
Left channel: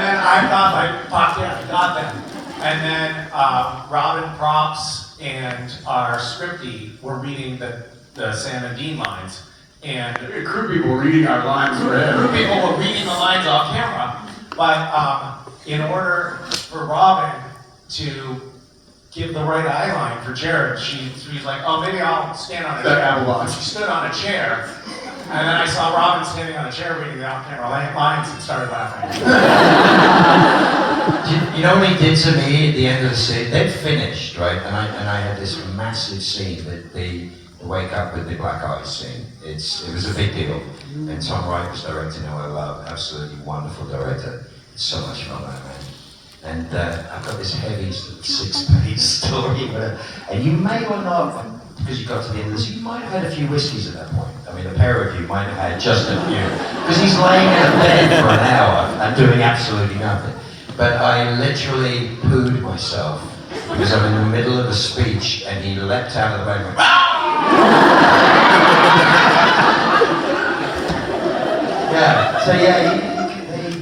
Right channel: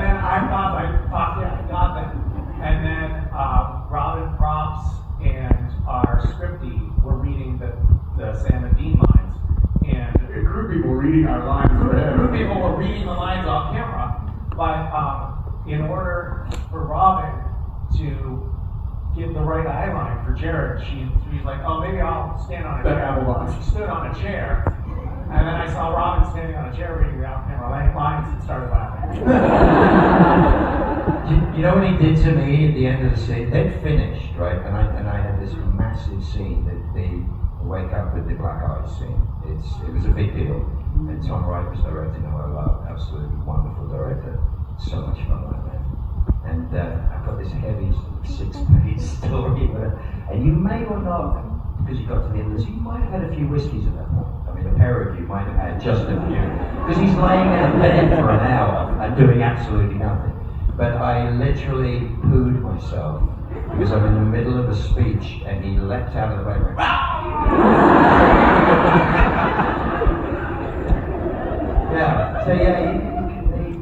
then I thought, yeah, I got that. And then Robin Props and our scriptie were reading the Sam and Dean lines. And Crew people were reading our lines for him. crew people were reading the lines off camera. But in order for Robin to give the right eye line for Jared, she's like, oh, maybe I'll stand on a chair. She stood on a chair. And then I saw Robin standing on a chair reading the off-camera lines and started laughing. You know what he did to me at the end of the scene? They'd finished, right? And I had this massive scene that they wake up with the black eyes scene. It was a big deal. And Tom Wright was directing, who I love, absolutely wonderful director. So much fun, that man. And I've got this heavy 6-page story, and you may or not, because you got to the end of this, you might have had a few whiskeys at that point. I mean, a pair of you might have had just a few. Because he's laying in a bed for an hour and doing absolutely nothing. But I literally pooed myself because I'm in the middle of a speech and he leapt out of the bed and went, yeah, so yeah, they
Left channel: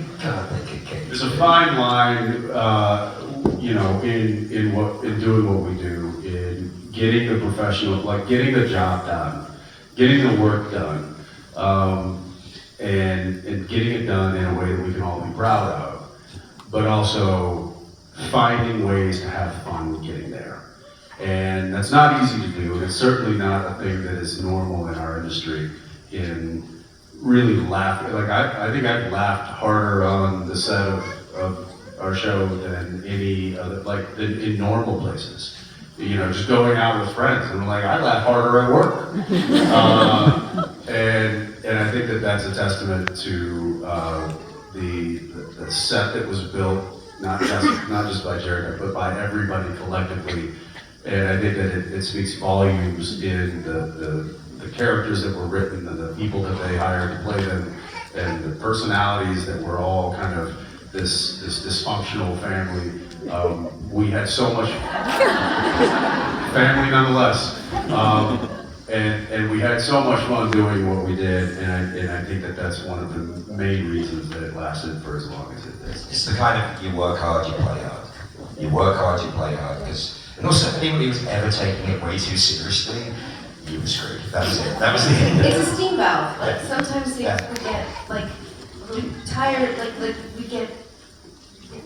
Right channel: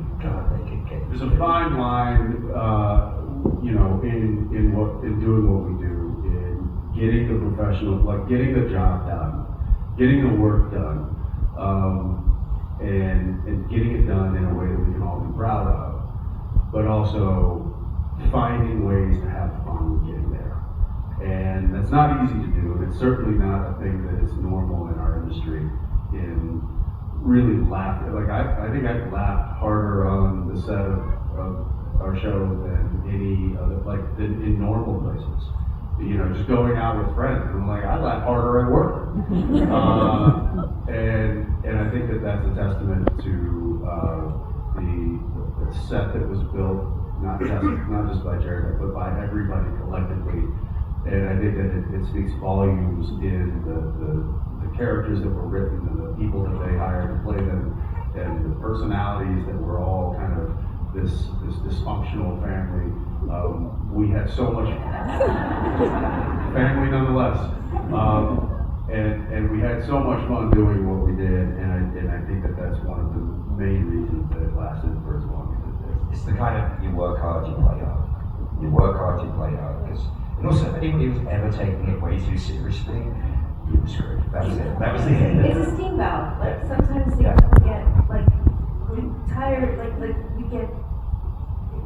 could get There's a fine line, in doing what we do, in getting the professional, like getting the job done, getting the work done, and getting it done in a way that we can all be proud of, but also finding ways to have fun getting there. And that's not easy to do, and it's certainly not a thing that is normal in our industry. In really laughing, like I think I've laughed harder on the set of our show than any other, than in normal places. Just going out with friends, and I'm like, I laugh harder at work. And I think that that's a testament to the set that was built, not just by Jared, but by everybody collectively. And I think that it speaks volumes in the characters that were written, and the people that they hired to play them, and the personalities that were all kind of this dysfunctional family. We had so much family nonetheless, and we had so much fun doing what we did, and I think that that's one of the main reasons that it lasted for as long as it did. It's the kind of, you work hard, you play hard. You work hard, you play hard. And also, if anybody was ever taking it way too seriously, you were screwed. That was it. That was the end of it. It's a steam valve. Like sometimes things we get tired, like we get,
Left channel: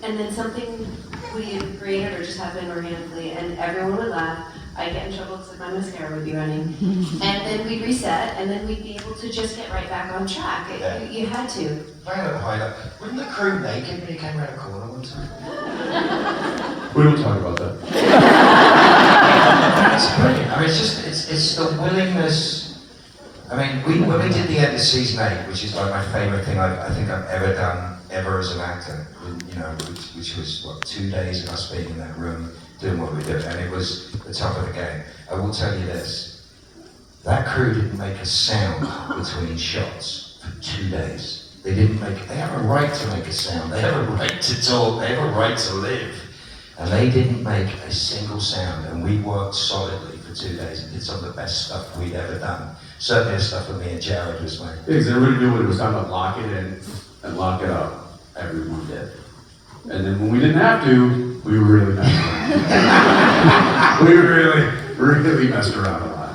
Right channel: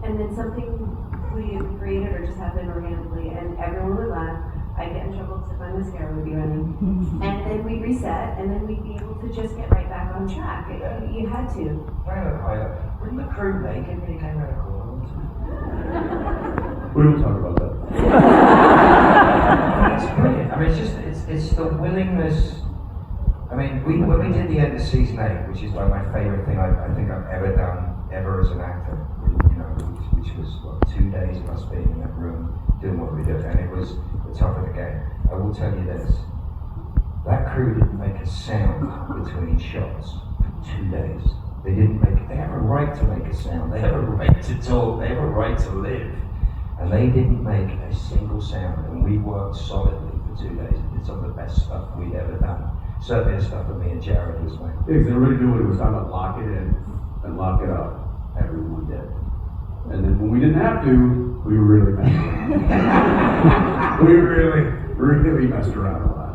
and then something we created or just happened organically, and everyone would laugh. I'd get in trouble because my mascara would be running, and then we'd reset, and then we'd be able to just get right back on track. You had to. Wasn't the crew naked when he came around a corner one time? We don't talk about that. It's brilliant. I mean, it's the willingness. I mean, when we did the end of season 8, which is like my favorite thing I think I've ever done, ever as an actor, which was, 2 days of us being in that room doing what we did, and it was the top of the game. I will tell you this, that crew didn't make a sound between shots for 2 days. They didn't make, they have a right to make a sound, they have a right to talk, they have a right to live. And they didn't make a single sound, and we worked solidly for 2 days and did some of the best stuff we'd ever done. Certainly the stuff with me and Jared was like. Yeah, because everybody knew when it was time to lock it in and lock it up. Everyone did. And then when we didn't have to, we really messed around. We really messed around a lot.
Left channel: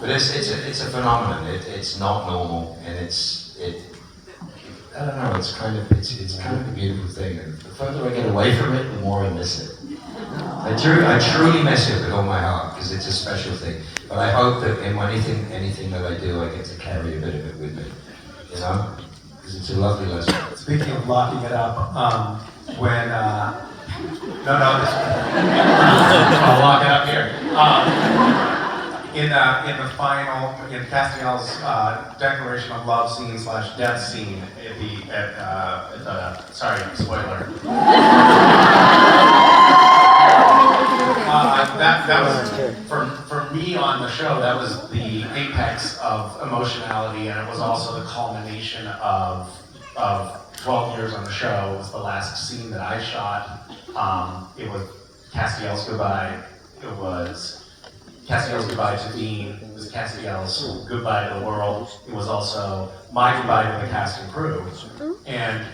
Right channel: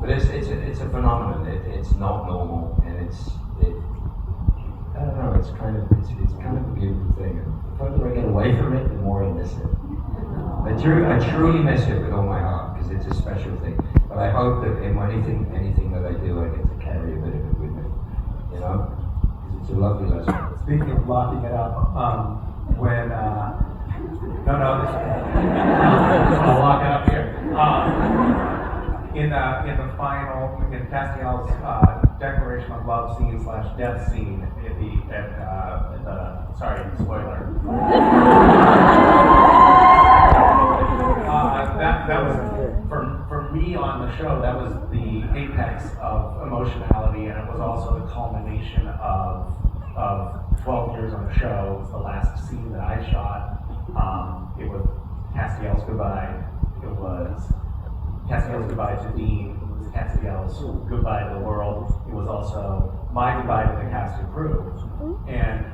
But it's a phenomenon. It's not normal, and I don't know. It's kind of a beautiful thing. And the further I get away from it, the more I miss it. I truly miss it with all my heart because it's a special thing. But I hope that in anything that I do, I get to carry a bit of it with me. You know, because it's a lovely lesson. Speaking of locking it up, when I'll lock it up here. In the final, in Castiel's declaration of love scene / death scene, sorry, spoiler. That was for me on the show. That was the apex of emotionality, and it was also the culmination of 12 years on the show. It was the last scene that I shot. It was Castiel's goodbye. It was Castiel's goodbye to Dean. It was Castiel's goodbye to the world. It was also my goodbye to the cast and crew. And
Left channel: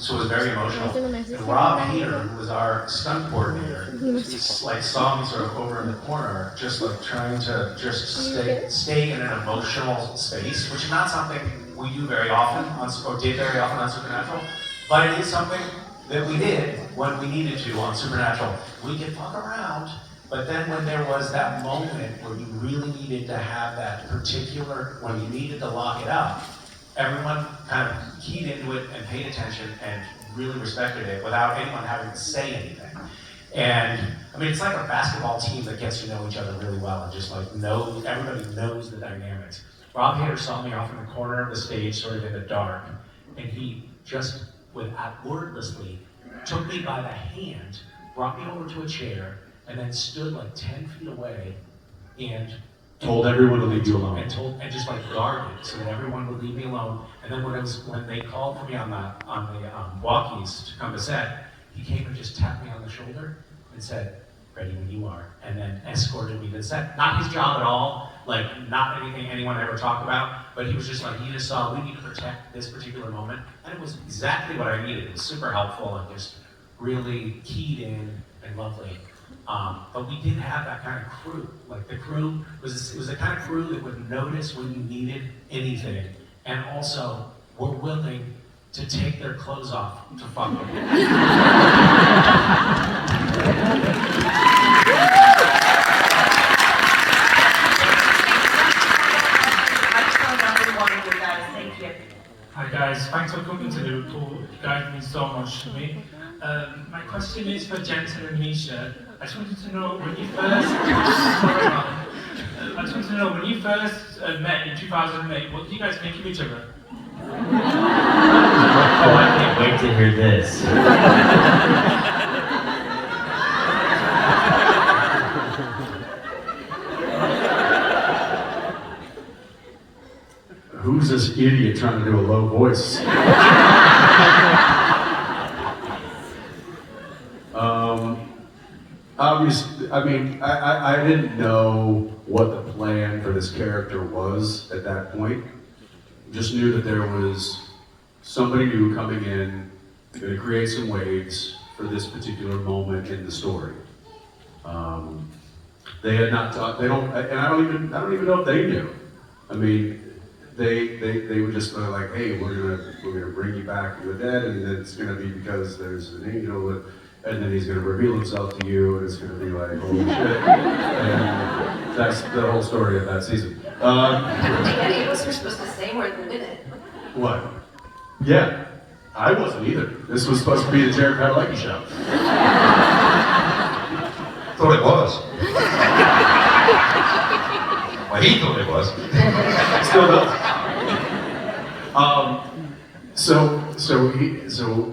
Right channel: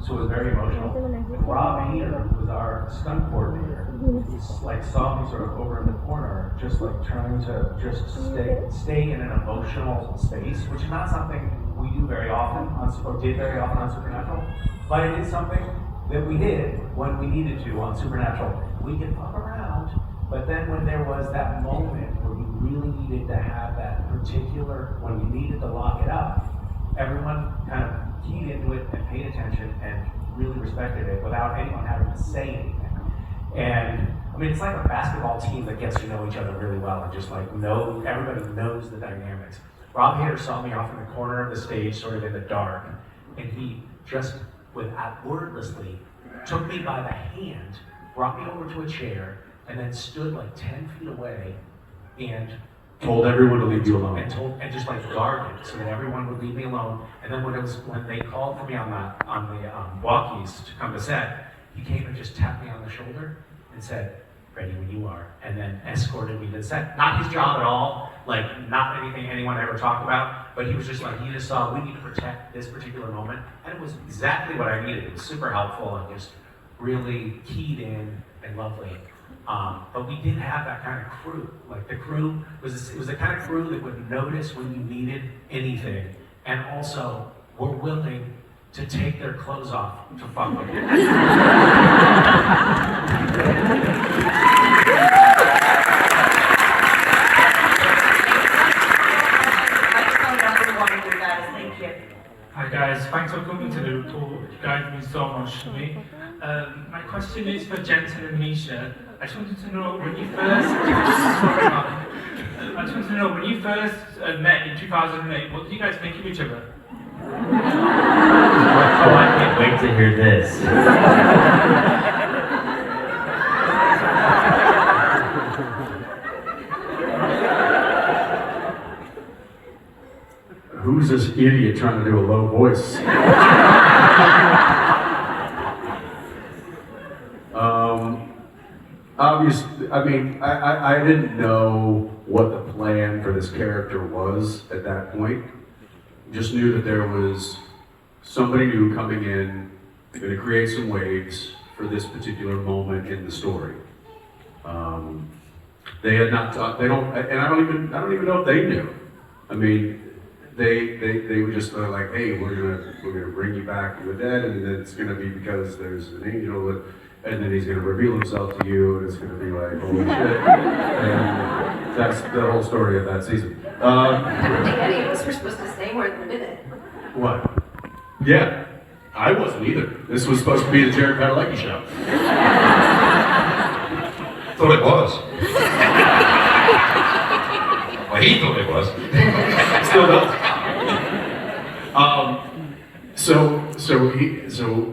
so it was very emotional. And Rob Hader, who was our stunt coordinator, like saw me sort of over in the corner, just like trying to just stay in an emotional space, which is not something we do very often, or did very often on Supernatural, but it is something that we did when we needed to on Supernatural. We could fuck around, but then when there was that moment where you really needed to have that particular, when you needed to lock it up, everyone kind of keyed into it and paid attention and really respected it without anyone having to say anything. And I mean, it's like a basketball team that gets to know each other really well and just like everybody knows the dynamics. Rob Hader saw me off in the corner of the stage, sort of in the dark, and he just, wordlessly, took me by the hand, brought me over to a chair, and then stood like 10 feet away and Told everyone to leave you alone. and just like guarded so that everyone would leave me alone. And then when they called for me on the walkies to come to set, he came and just tapped me on the shoulder and said, "Ready when you are," and then escorted me to the set. Not his job at all, like not anything anyone ever talked about, but he was just like, he just saw we need to protect this particular moment, and it was exactly what I needed. It was super helpful and just really keyed in and lovely. But we didn't have that kind of crew. Like the crew was the kind of crew that would notice when you needed anything, and also were willing to take their clothes off to fuck with you. Hi guys, thanks for coming to Liverpool. You guys mean so much to me. My question is for Jensen and Misha. I just wanted to know when you first met in 2008, what did you guys think of each other? Oh, I can't wait to hear this. Who's this idiot trying to do a low voice? Obviously, I mean, I didn't know what the plan for this character was at that point. Just knew that there was somebody new coming in, going to create some waves for this particular moment in the story. They had not taught, they don't, and I don't even know if they knew. I mean, they were just like, hey, we're gonna bring you back with that, and then it's gonna be because there's an angel, and then he's gonna reveal himself to you, and it's gonna be like, holy shit. And that's the whole story of that season. I don't think any of us were supposed to say more than a minute. What? Yeah, I wasn't either. This was supposed to be the Jared Padalecki show. Thought it was. Well, he thought it was. Still does. So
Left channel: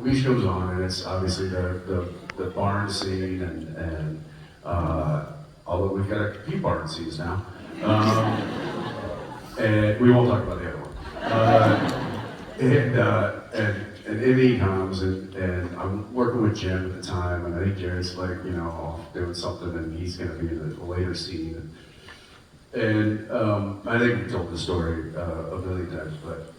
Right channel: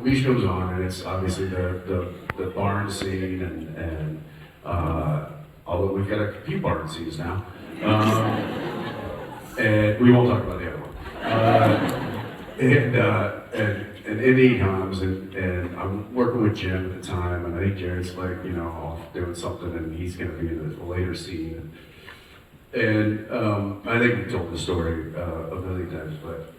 Leash comes on, and it's obviously the barn scene, and although we've got a few barn scenes now, and we won't talk about the other one. and Emmy comes, and I'm working with Jim at the time, and I think Jared's like, you know, off doing something, and he's going to be in the later scene. And I think we told the story a million times, but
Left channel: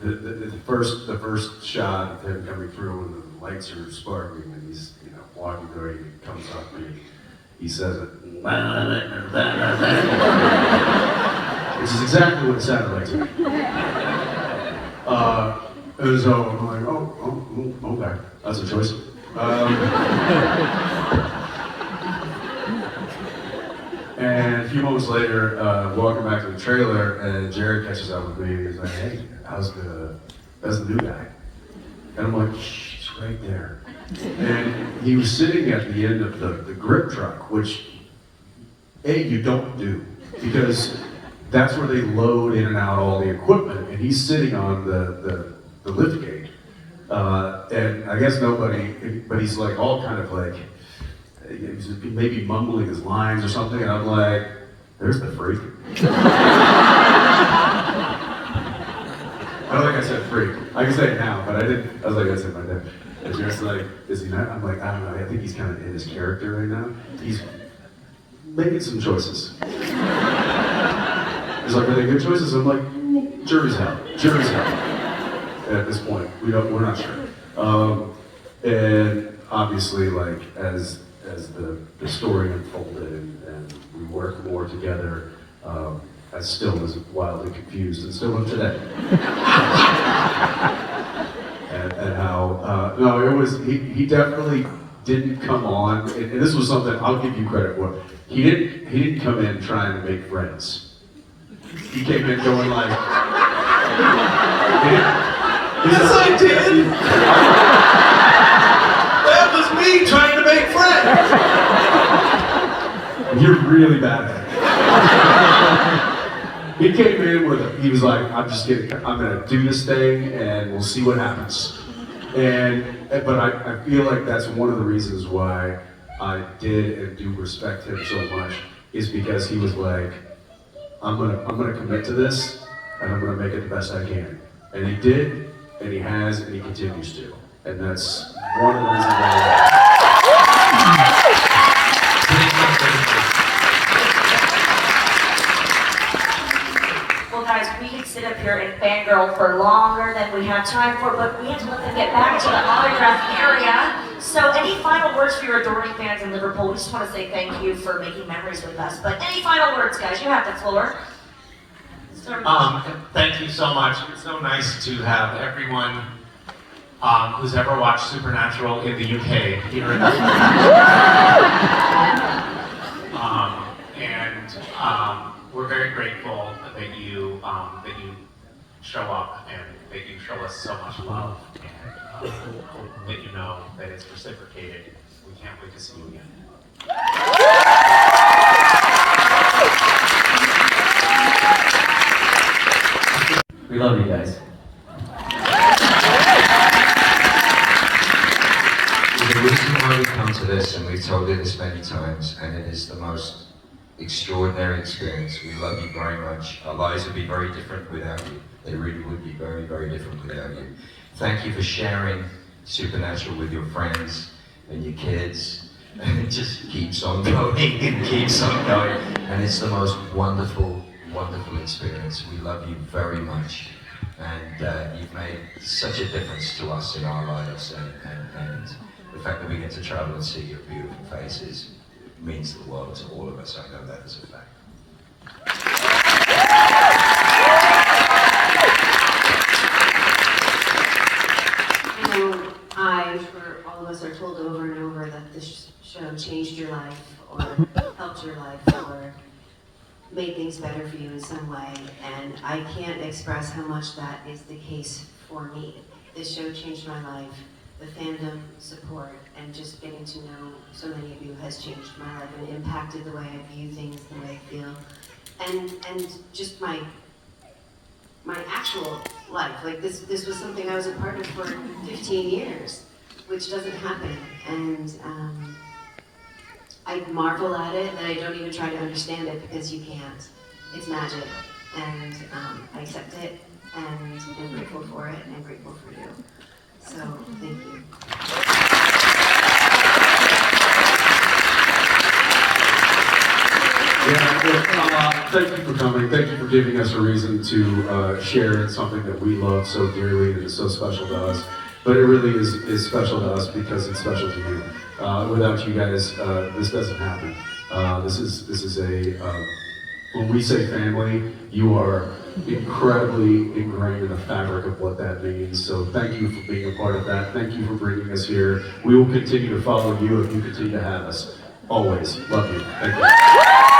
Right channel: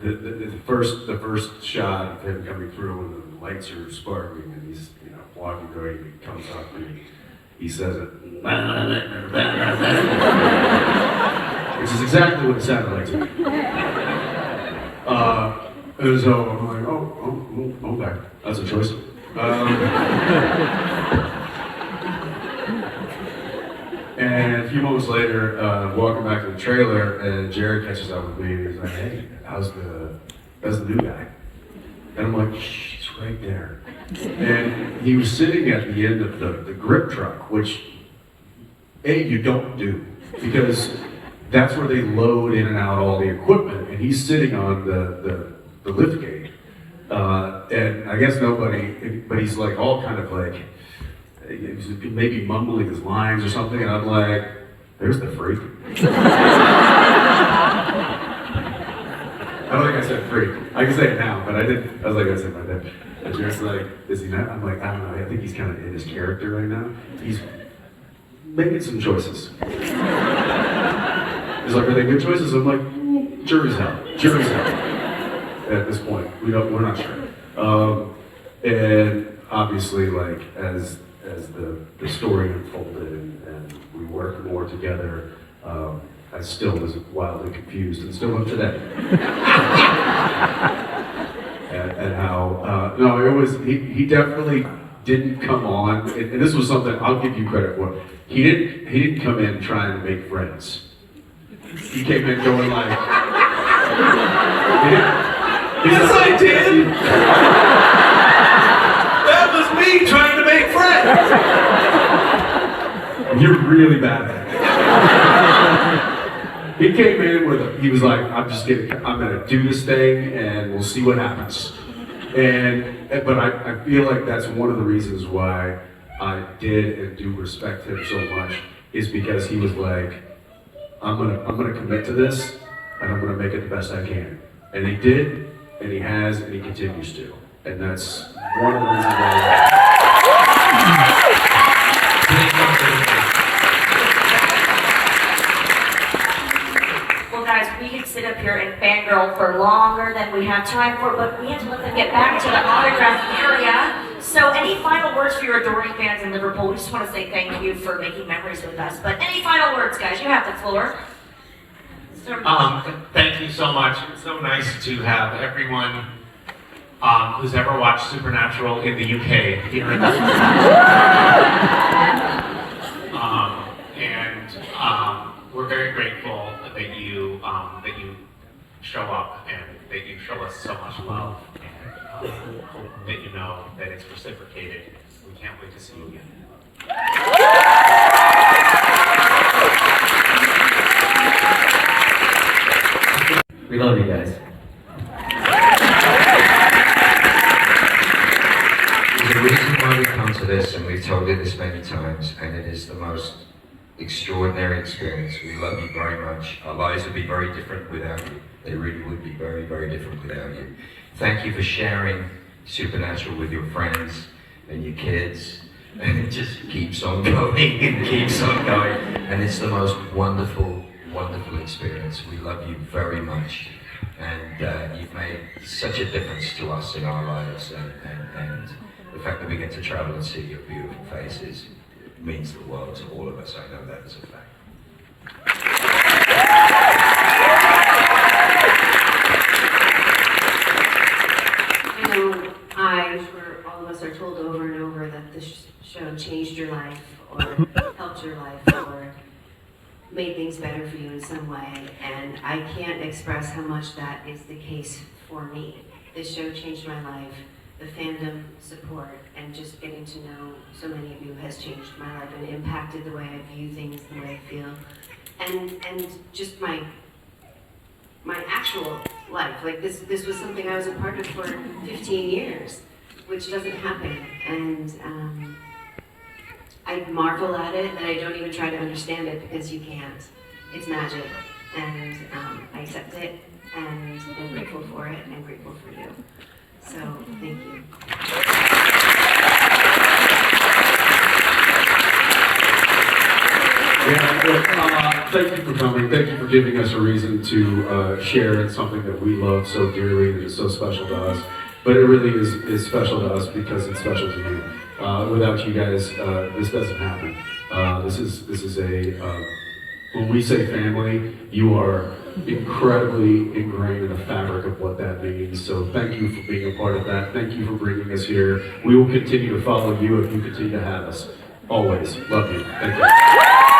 the first shot of him coming through, and the lights are sparkling, and he's, you know, walking through, and he comes up to me, he says it, which is exactly what it sounded like to me. And so I'm like, oh, okay, that's a choice. And a few moments later, walking back to the trailer, and Jared catches up with me, and he's like, hey, how's the new guy? And I'm like, she's right there. And he was sitting at the end of the grip truck, which, you don't do, because that's where they load in and out all the equipment, and he's sitting on the lift gate. And I guess nobody, but he's like all kind of like, he's maybe mumbling his lines or something, and I'm like, there's the freak. I don't think I said freak. I can say it now, but I didn't. I was like, I said my dad. And Jared's like, is he not? I'm like, I don't know. I think he's kind of in his character right now. He's making some choices. He's like, are they good choices? I'm like, jury's out. Jury's out. At this point, we're not sure. And obviously, like as the story unfolded and we worked more together, I still was wildly confused and still am today. and how, no, it was, he definitely didn't come on, and this was something I'll give you credit for. He didn't come in trying to make friends. He came in going like, yes I did! That was me trying to make friends! You're really bad at it. He came in he was like, I'm gonna do this thing and we'll see what happens. But I feel like that's one of the reasons why I did and do respect him so much, is because he was like, I'm gonna commit to this and I'm gonna make it the best I can. And he did, and he has, and he continues to. And that's one of the reasons why Well, guys, we could sit up here and fangirl for longer than we have time for, but we have to let them get back to the autograph area. So any final words for your adoring fans in Liverpool? We just want to say thank you for making memories with us. But any final words, guys? You have the floor. Thank you so much. It's so nice to have everyone who's ever watched Supernatural in the UK here in we're very grateful that you show up and that you show us so much love, and that you know that it's reciprocated. We can't wait to see you again. We love you guys. The reason why we come to this, and we've told you this many times, and it is the most extraordinary experience. We love you very much. Our lives would be very different without you. They really would be very, very different without you. Thank you for sharing Supernatural with your friends and your kids. And it just keeps on going and keeps on going. And it's the most wonderful, wonderful experience. We love you very much. And you've made such a difference to us in our lives. And the fact that we get to travel and see your beautiful faces means the world to all of us. I know that is a fact. I know I'm sure all of us are told over and over that this show changed your life, or helped your life, or made things better for you in some way, and I can't express how much that is the case for me. This show changed my life. The fandom support and just getting to know so many of you has changed my life and impacted the way I view things, the way I feel, and just my actual life. Like this was something I was a part of for 15 years, which doesn't happen, and I marvel at it, and I don't even try to understand it because you can't. It's magic, and I accept it, and I'm grateful for it, and I'm grateful for you. So, thank you. Yeah, well, thank you for coming. Thank you for giving us a reason to share in something that we love so dearly and is so special to us. But it really is special to us because it's special to you. Without you guys, this doesn't happen. This is a when we say family, you are incredibly ingrained in the fabric of what that means. So thank you for being a part of that. Thank you for bringing us here. We will continue to follow you if you continue to have us. Always. Love you. Thank you.